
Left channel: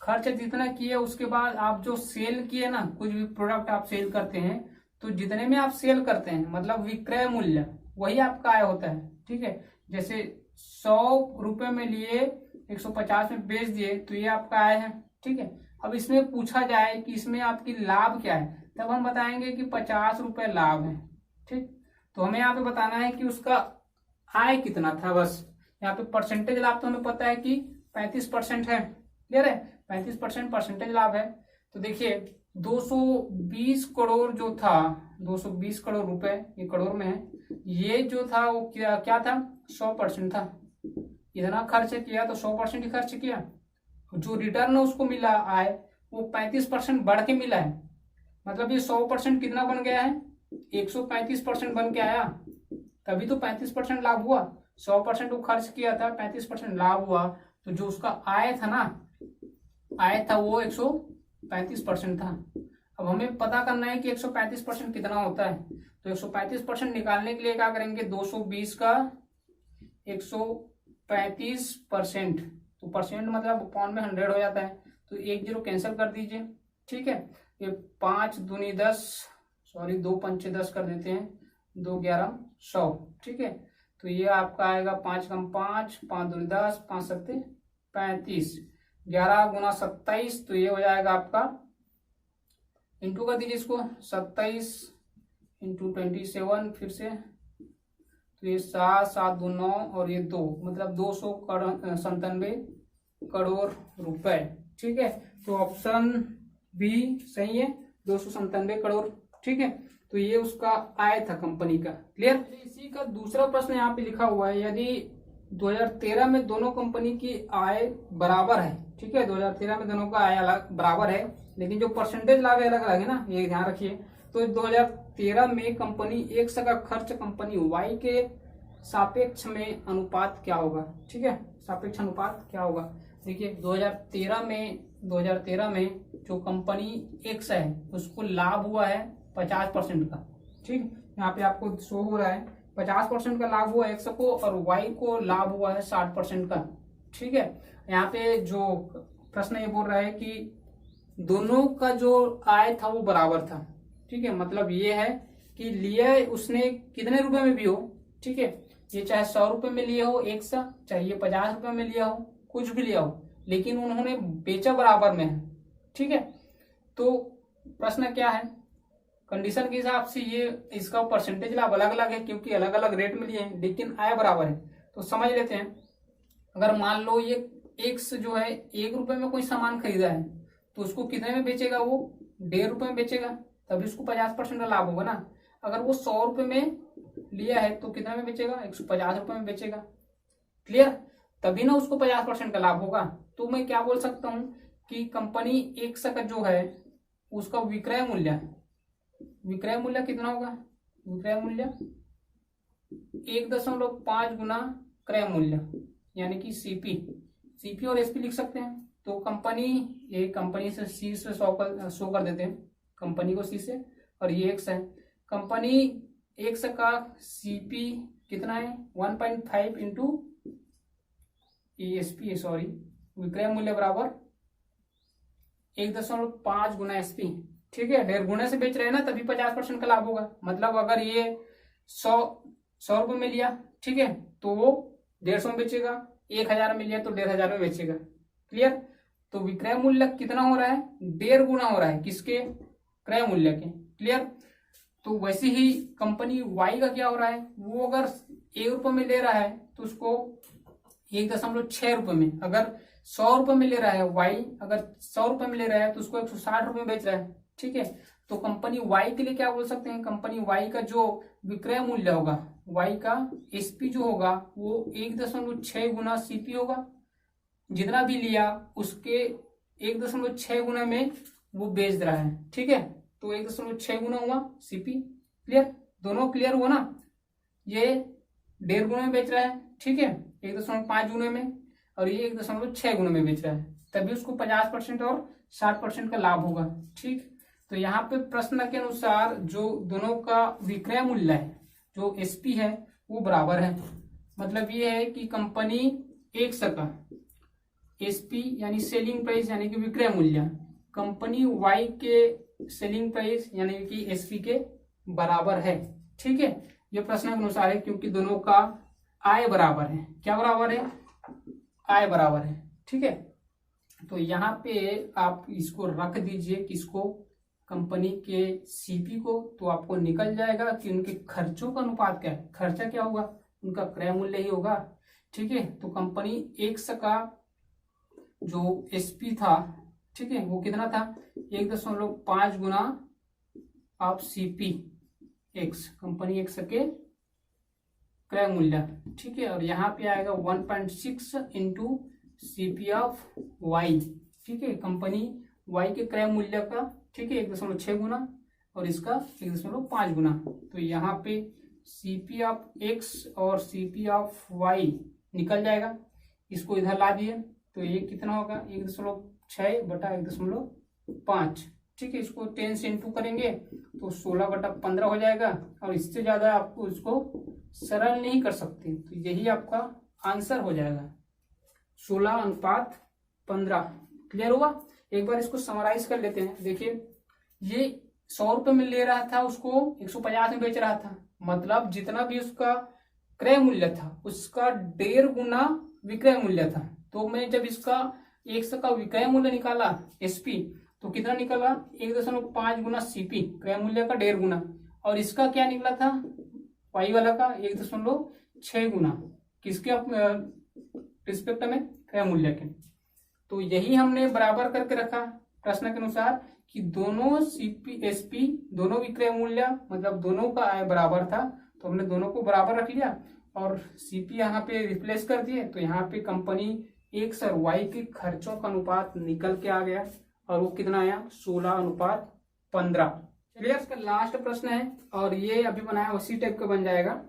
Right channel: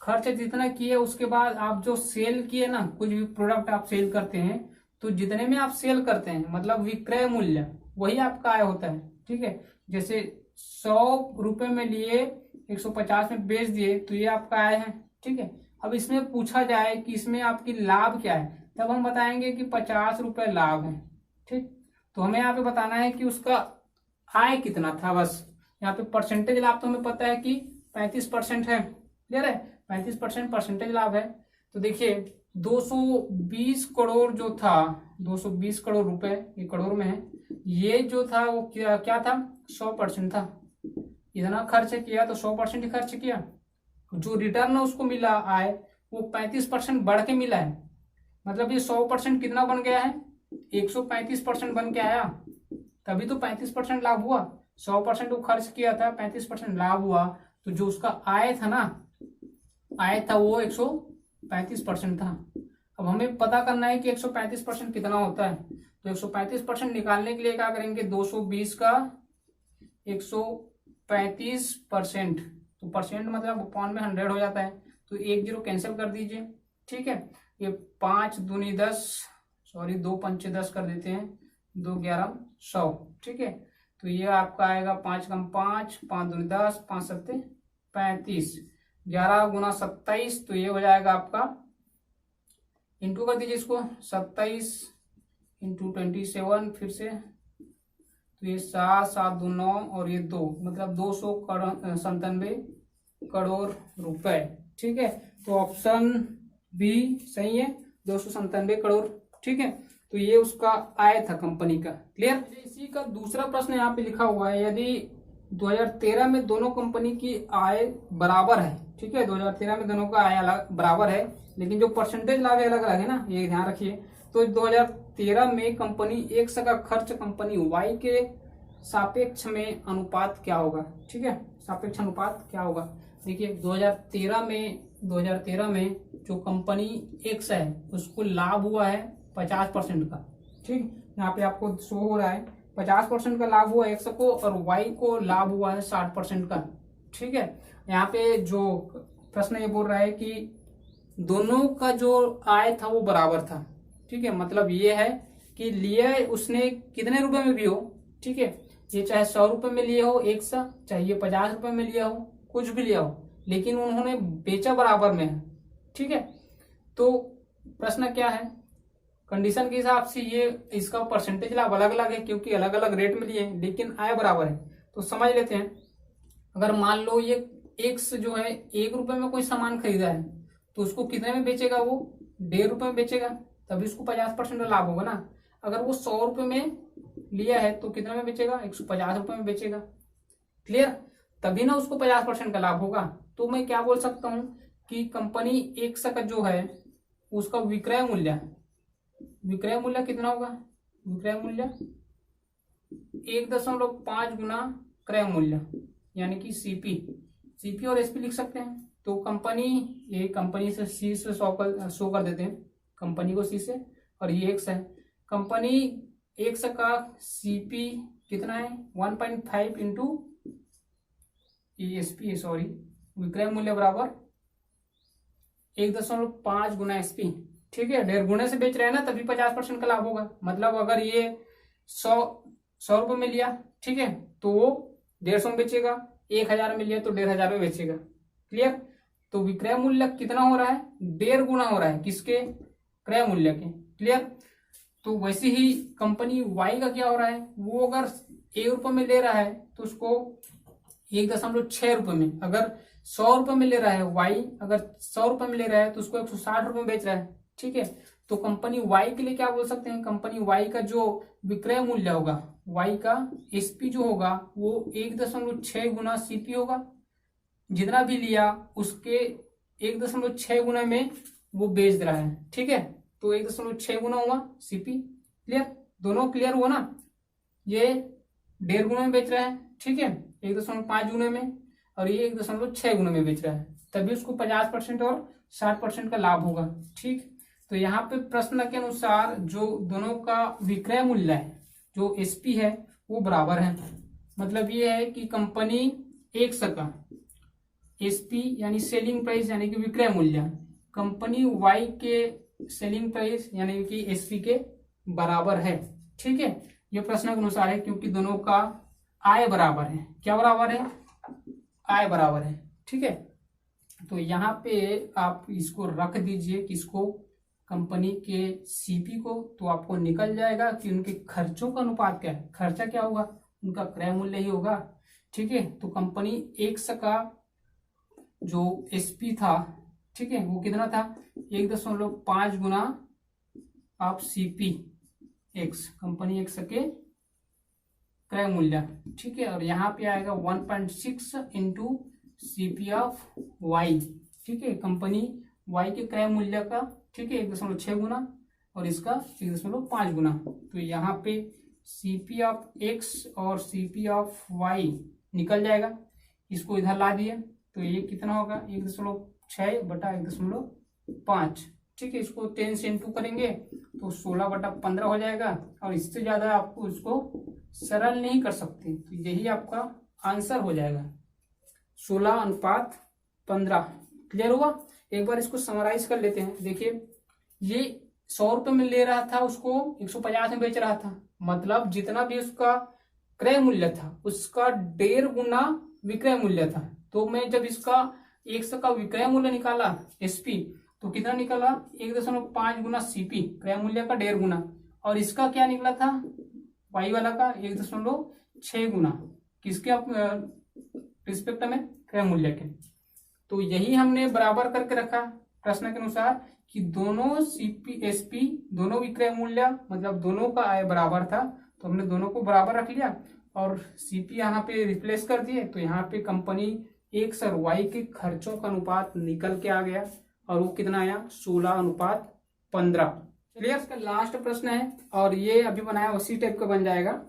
खर्च जितना किए उसके बाद आप जो सेल किए ना, कुछ भी प्रोडक्ट आप सेल करते हैं, तो जितने में आप सेल करते हैं मतलब विक्रय मूल्य, वही आपका आय होता है। ठीक है, जैसे 100 रुपए में लिए 150 में बेच दिए, तो ये आपका आय है। ठीक है, अब इसमें पूछा जाए कि इसमें आपकी लाभ क्या है, तब हम बताएंगे कि 50 रुपए लाभ है। ठीक, तो हमें यहाँ पे बताना है कि उसका आय कितना था। बस यहाँ पे परसेंटेज लाभ तो हमें पता है कि 35% है। क्लियर है, 35% परसेंटेज लाभ है। तो देखिए 220 करोड़ जो था, 220 करोड़ रुपए, ये करोड़ में है, ये जो था वो क्या था? 100% था। इतना खर्च किया तो 100% ही खर्च किया। जो रिटर्न उसको मिला आय, वो 35% बढ़ के मिला है। मतलब ये 100% कितना बन गया है? 135% बन के आया, तभी तो 35% लाभ हुआ। 100% वो खर्च किया था, 35% लाभ हुआ, तो जो उसका आय था ना, आय था वो 135% था। अब हमें पता करना है कि 135% कितना होता है। तो 135% निकालने के लिए क्या करेंगे? 220 का 135%, तो परसेंट मतलब अपॉन में 100 हो जाता है, तो 1 0 कैंसिल कर दीजिए। ठीक है, ये 5 दूनी 10, सॉरी 2 पंचे 10 कर देते हैं, 2 11 100। ठीक है, तो ये आपका आएगा 5 कम 5, 5 दूनी 10, 5 सत्ते 35, 11 गुना 27, तो ये हो जाएगा आपका, इंटू कर दीजिए इसको, 27 इंटू 27, फिर से तो ये 7 7 2 9 और ये 2, मतलब 297 करोड़ रुपए। ठीक है, तो ऑप्शन बी सही है, 297 करोड़। ठीक है, तो ये उसका आय था कंपनी का। क्लियर। इसी का दूसरा प्रश्न यहाँ पे लिखा हुआ है, यदि 2013 में दोनों कंपनी की आय बराबर है। ठीक है, 2013 में दोनों का आय बराबर है, लेकिन जो परसेंटेज लाभ अलग अलग है ना, ये ध्यान रखिए। तो 2013 में कंपनी एक्स का खर्च कंपनी वाई के सापेक्ष में अनुपात क्या होगा। ठीक है, सापेक्ष अनुपात क्या होगा। देखिए 2013 में जो कंपनी एक्स है उसको लाभ हुआ है 50% का। ठीक, यहाँ पे आपको शो हो रहा है 50% का लाभ हुआ एक्स को, और वाई को लाभ हुआ है 60% का। ठीक है, यहाँ पे जो प्रश्न ये बोल रहा है कि दोनों का जो आय था वो बराबर था। ठीक है, मतलब ये है कि लिया उसने कितने रुपए में भी हो। ठीक है, ये चाहे 100 रुपए में लिया हो एक सा, चाहे ये 50 रुपए में लिया हो, कुछ भी लिया हो, लेकिन उन्होंने बेचा बराबर में है। ठीक है, तो प्रश्न क्या है, कंडीशन के हिसाब से ये इसका परसेंटेज लाभ अलग अलग है क्योंकि अलग अलग रेट में लिए हैं, लेकिन आय बराबर है। तो समझ लेते हैं, अगर मान लो ये एक्स जो है 1 रुपए में कोई सामान खरीदा है तो उसको कितने में बेचेगा, वो 1.5 रुपए में बेचेगा, तभी उसको 50% का लाभ होगा ना। अगर वो 100 रुपए में लिया है तो कितने में बेचेगा, 150 रुपए में बेचेगा। क्लियर, तभी ना उसको 50% का लाभ होगा। तो मैं क्या बोल सकता हूं कि कंपनी एक्स का जो है उसका विक्रय मूल्य कितना होगा, विक्रय मूल्य 1.5 गुना क्रय मूल्य, यानी कि सीपी और एसपी लिख सकते हैं। तो कंपनी से सी से शो कर देते हैं, कंपनी को सी से, और ये एक्स है। कंपनी एक्स का सीपी कितना है 1.5 इंटू एसपी, सॉरी विक्रय मूल्य बराबर 1.5 गुना एसपी। ठीक है, 1.5 गुने से बेच रहे हैं ना, तभी 50% का लाभ होगा। मतलब अगर ये 100 रुपए में लिया, ठीक है, तो वो 150 में बेचेगा, 1000 में लिया तो 1500 में बेचेगा। क्लियर, तो विक्रय मूल्य कितना हो रहा है, 1.5 गुना हो रहा है किसके, क्रय मूल्य के। क्लियर, तो वैसे ही कंपनी वाई का क्या हो रहा है, वो अगर 1 रुपए में ले रहा है तो उसको 1.6 रुपए में, अगर 100 रुपए में ले रहा है वाई, अगर 100 रुपए में ले रहा है तो उसको 160 रुपए में बेच रहा है। ठीक है, तो कंपनी वाई के लिए क्या बोल सकते हैं, कंपनी वाई का जो विक्रय मूल्य होगा, वाई का एसपी जो होगा वो 1.6 गुना सीपी होगा। जितना भी लिया उसके 1.6 गुना में वो बेच रहा है। ठीक है, तो 1.6 गुना हुआ सीपी। क्लियर, दोनों क्लियर हुआ ना। ये 1.5 गुना में बेच रहा है, ठीक है, 1.5 गुने में, और ये 1.6 गुने में बेच रहा है, तभी उसको 50% और 60% का लाभ होगा। ठीक, तो यहाँ पे प्रश्न के अनुसार जो दोनों का विक्रय मूल्य है, जो एसपी है, वो बराबर है। मतलब ये है कि कंपनी एक्स का एसपी यानी सेलिंग प्राइस यानी कि विक्रय मूल्य कंपनी वाई के सेलिंग प्राइस यानी कि एसपी के बराबर है। ठीक है, ये प्रश्न के अनुसार है क्योंकि दोनों का आय बराबर है। क्या बराबर है, आय बराबर है। ठीक है, तो यहाँ पे आप इसको रख दीजिए, किसको, कंपनी के सीपी को, तो आपको निकल जाएगा कि उनके खर्चों का अनुपात क्या है। खर्चा क्या होगा, उनका क्रय मूल्य ही होगा। ठीक है, तो कंपनी एक्स का जो एसपी था, ठीक है, वो कितना था 1.5 गुना of CP X, company X के क्रय मूल्य। ठीक है, और यहाँ पे आएगा 1.6 इंटू सीपी ऑफ वाई। ठीक है, कंपनी वाई के क्रय मूल्य का, ठीक है, 1.6 गुना और इसका 1.5 गुना। तो यहाँ पे सीपी ऑफ एक्स और सीपी ऑफ वाई निकल जाएगा, इसको इधर ला दिए तो ये कितना होगा 1.6 बटा 1.5। ठीक है, इसको 10 से इंटू करेंगे तो 16 बटा 15 हो जाएगा, और इससे ज्यादा आपको इसको सरल नहीं कर सकते, तो यही आपका आंसर हो जाएगा 16:15। क्लियर होगा। एक बार इसको समराइज कर लेते हैं। देखिए, ये 100 रुपए में ले रहा था, उसको 150 में बेच रहा था, मतलब जितना भी उसका क्रय मूल्य था उसका 1.5 गुना विक्रय मूल्य था। तो मैं जब इसका 100 का विक्रय मूल्य निकाला एसपी, तो कितना निकला 1.5 गुना सीपी, क्रय मूल्य का 1.5 गुना, और इसका क्या निकला था वाई वाला का 1.6 गुना, किसके रिस्पेक्ट में, क्रय मूल्य के। तो यही हमने बराबर करके रखा प्रश्न के अनुसार कि दोनों सीपीएसपी दोनों विक्रय मूल्य मतलब दोनों का आय बराबर था, तो हमने दोनों को बराबर रख लिया और सीपी यहाँ पे रिप्लेस कर दिए। तो यहाँ पे कंपनी एक्स और वाई के खर्चों का अनुपात निकल के आ गया और वो कितना आया 16:15। चलिए इसका लास्ट प्रश्न है और ये अभी बनाया उसी टाइप का बन जाएगा।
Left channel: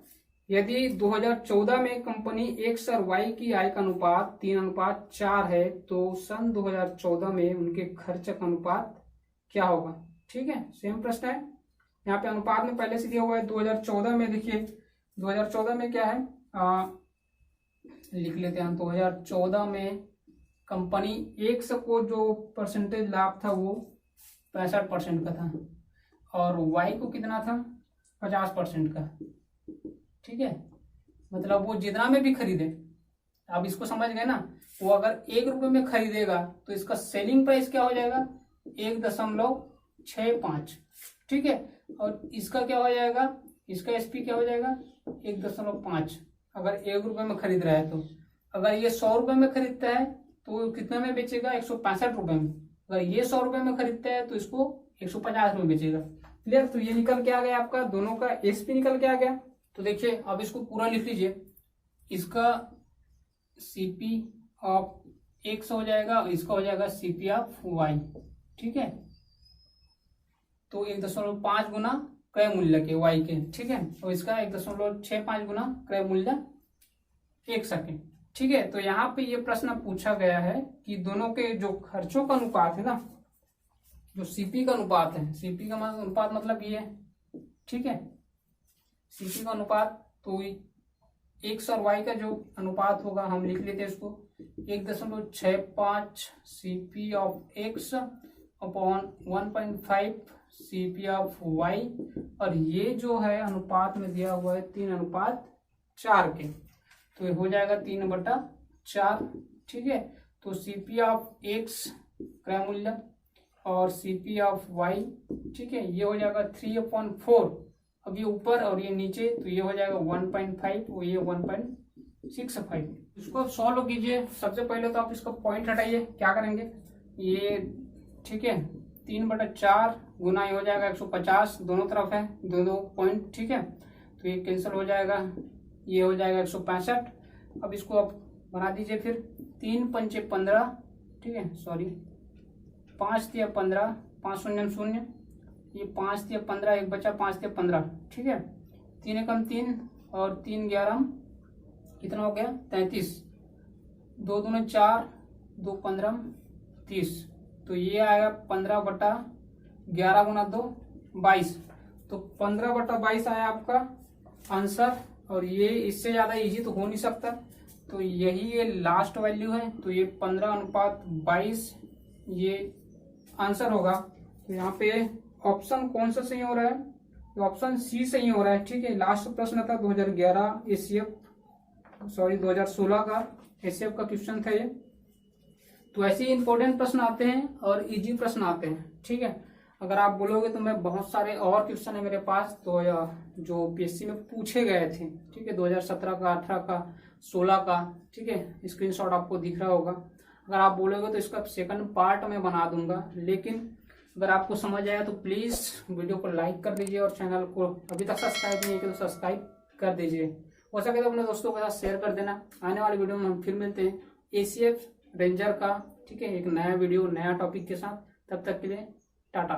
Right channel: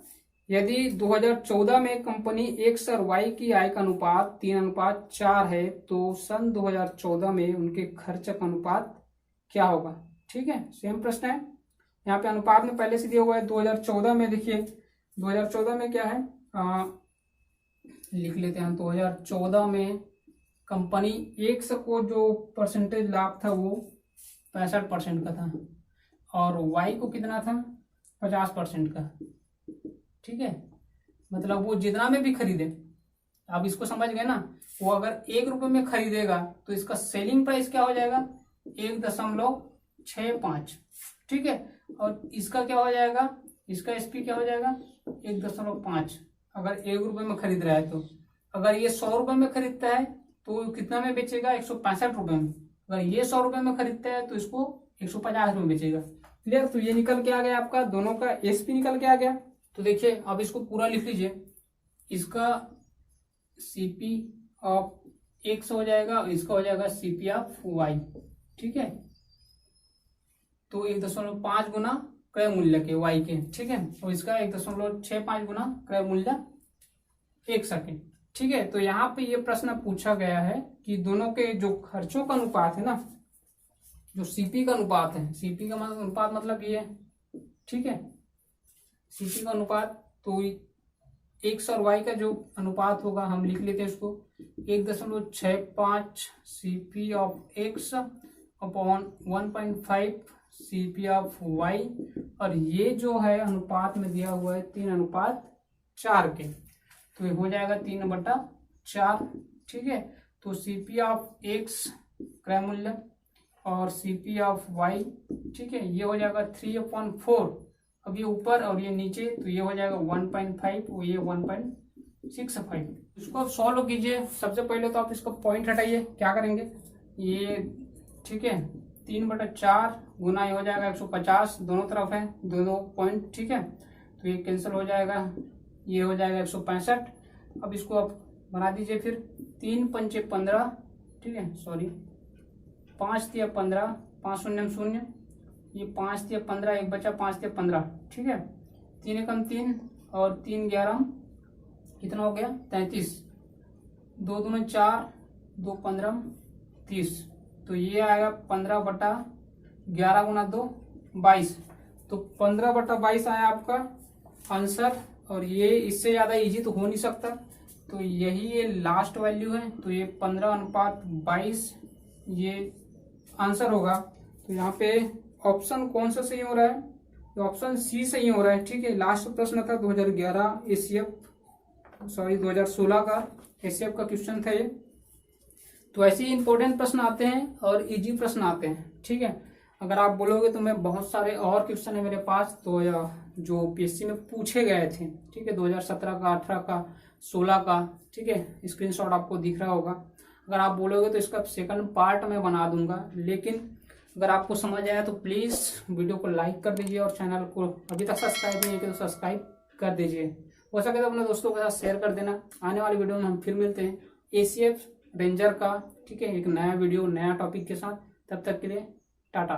यदि 2014 में कंपनी एक्स और वाई की आय का अनुपात 3:4 है तो सन 2014 में उनके खर्च का अनुपात क्या होगा। ठीक है, सेम प्रश्न है। यहाँ पे अनुपात में पहले से दिया हुआ है 2014 में। देखिए 2014 में क्या है, लिख लेते हैं हम। 2014 में कंपनी एक्स को जो परसेंटेज लाभ था वो 65% का था और वाई को कितना था 50% का। ठीक है, मतलब वो जितना में भी खरीदे, आप इसको समझ गए ना, वो अगर 1 रुपए में खरीदेगा तो इसका सेलिंग प्राइस क्या हो जाएगा 1.65। ठीक है, और इसका क्या हो जाएगा, इसका एसपी क्या हो जाएगा 1.5 अगर 1 रुपए में खरीद रहा है। तो अगर ये 100 रुपए में खरीदता है तो कितना में बेचेगा 165 रुपए में। अगर ये 100 रुपए में खरीदता है तो इसको 150 रुपए में बेचेगा। क्लियर, तो ये निकल के आ गया आपका, दोनों का एसपी निकल के आ गया। तो देखिए अब इसको पूरा लिख लीजिए, इसका सीपी ऑफ एक्स हो जाएगा और इसका हो जाएगा सीपी ऑफ वाई। ठीक है, तो 1.5 गुना क्रय मूल्य के वाई के। ठीक है, तो इसका 1.65 गुना क्रय मूल्य 1 सेकेंड। ठीक है, तो यहाँ पे ये प्रश्न पूछा गया है कि दोनों के जो खर्चों का अनुपात है ना, जो सीपी का अनुपात है, सीपी का अनुपात मतलब ये है। ठीक है, सीपी का अनुपात तो एक्स और वाई का जो अनुपात होगा हम लिख लेते हैं इसको 1.65 CP of X upon 1.5 CP of Y, और ये जो है अनुपात में दिया हुआ है 3:4 के, तो ये हो जाएगा 3/4। ठीक है, तो सीपी ऑफ एक्स क्रय मूल्य और सीपी ऑफ वाई, ठीक है, ये हो जाएगा 3/4। अब ये ऊपर और ये नीचे, तो ये हो जाएगा 1.5 और ये 1.65। इसको आप सॉल्व कीजिए। सबसे पहले तो आप इसका पॉइंट हटाइए, क्या करेंगे ये, ठीक है, 3/4 गुना ये हो जाएगा 150, दोनों तरफ है दो पॉइंट। ठीक है, तो ये कैंसिल हो जाएगा, ये हो जाएगा 165। अब इसको आप बना दीजिए फिर 3×5 = 15। ठीक है, सॉरी 5×3 = 15, 5 शून्य 0, ये 5×3 = 15, एक बचा 5×3 = 15। ठीक है, 3 एकम 3 और 3 11 कितना हो गया 33, 2 दूनी 4, 2 15 30, तो ये आएगा 15/11 गुना 2 22। तो 15/22 आया आपका आंसर, और ये इससे ज्यादा इजी तो हो नहीं सकता, तो यही ये लास्ट वैल्यू है। तो ये 15:22 ये आंसर होगा। तो यहाँ पे ऑप्शन कौन सा सही हो रहा है, ऑप्शन सी सही हो रहा है। ठीक है, लास्ट प्रश्न था 2011 2016 का एसीएफ का क्वेश्चन था ये। तो ऐसे ही इंपॉर्टेंट प्रश्न आते हैं और इजी प्रश्न आते हैं। ठीक है, अगर आप बोलोगे तो मैं बहुत सारे और क्वेश्चन है मेरे पास, तो जो पीएससी में पूछे गए थे, ठीक है, 2017 का, 18 का, 16 का। ठीक है, स्क्रीनशॉट आपको दिख रहा होगा। अगर आप बोलोगे तो इसका सेकंड पार्ट मैं बना दूंगा, लेकिन अगर आपको समझ आया तो प्लीज वीडियो को लाइक कर दीजिए और चैनल को अभी तक सब्सक्राइब नहीं किया तो सब्सक्राइब कर दीजिए। हो सके तो अपने दोस्तों के साथ शेयर कर देना। आने वाली वीडियो में हम फिर मिलते हैं एसीएफ रेंजर का, ठीक है, एक नया वीडियो नया टॉपिक के साथ। तब तक के लिए टाटा।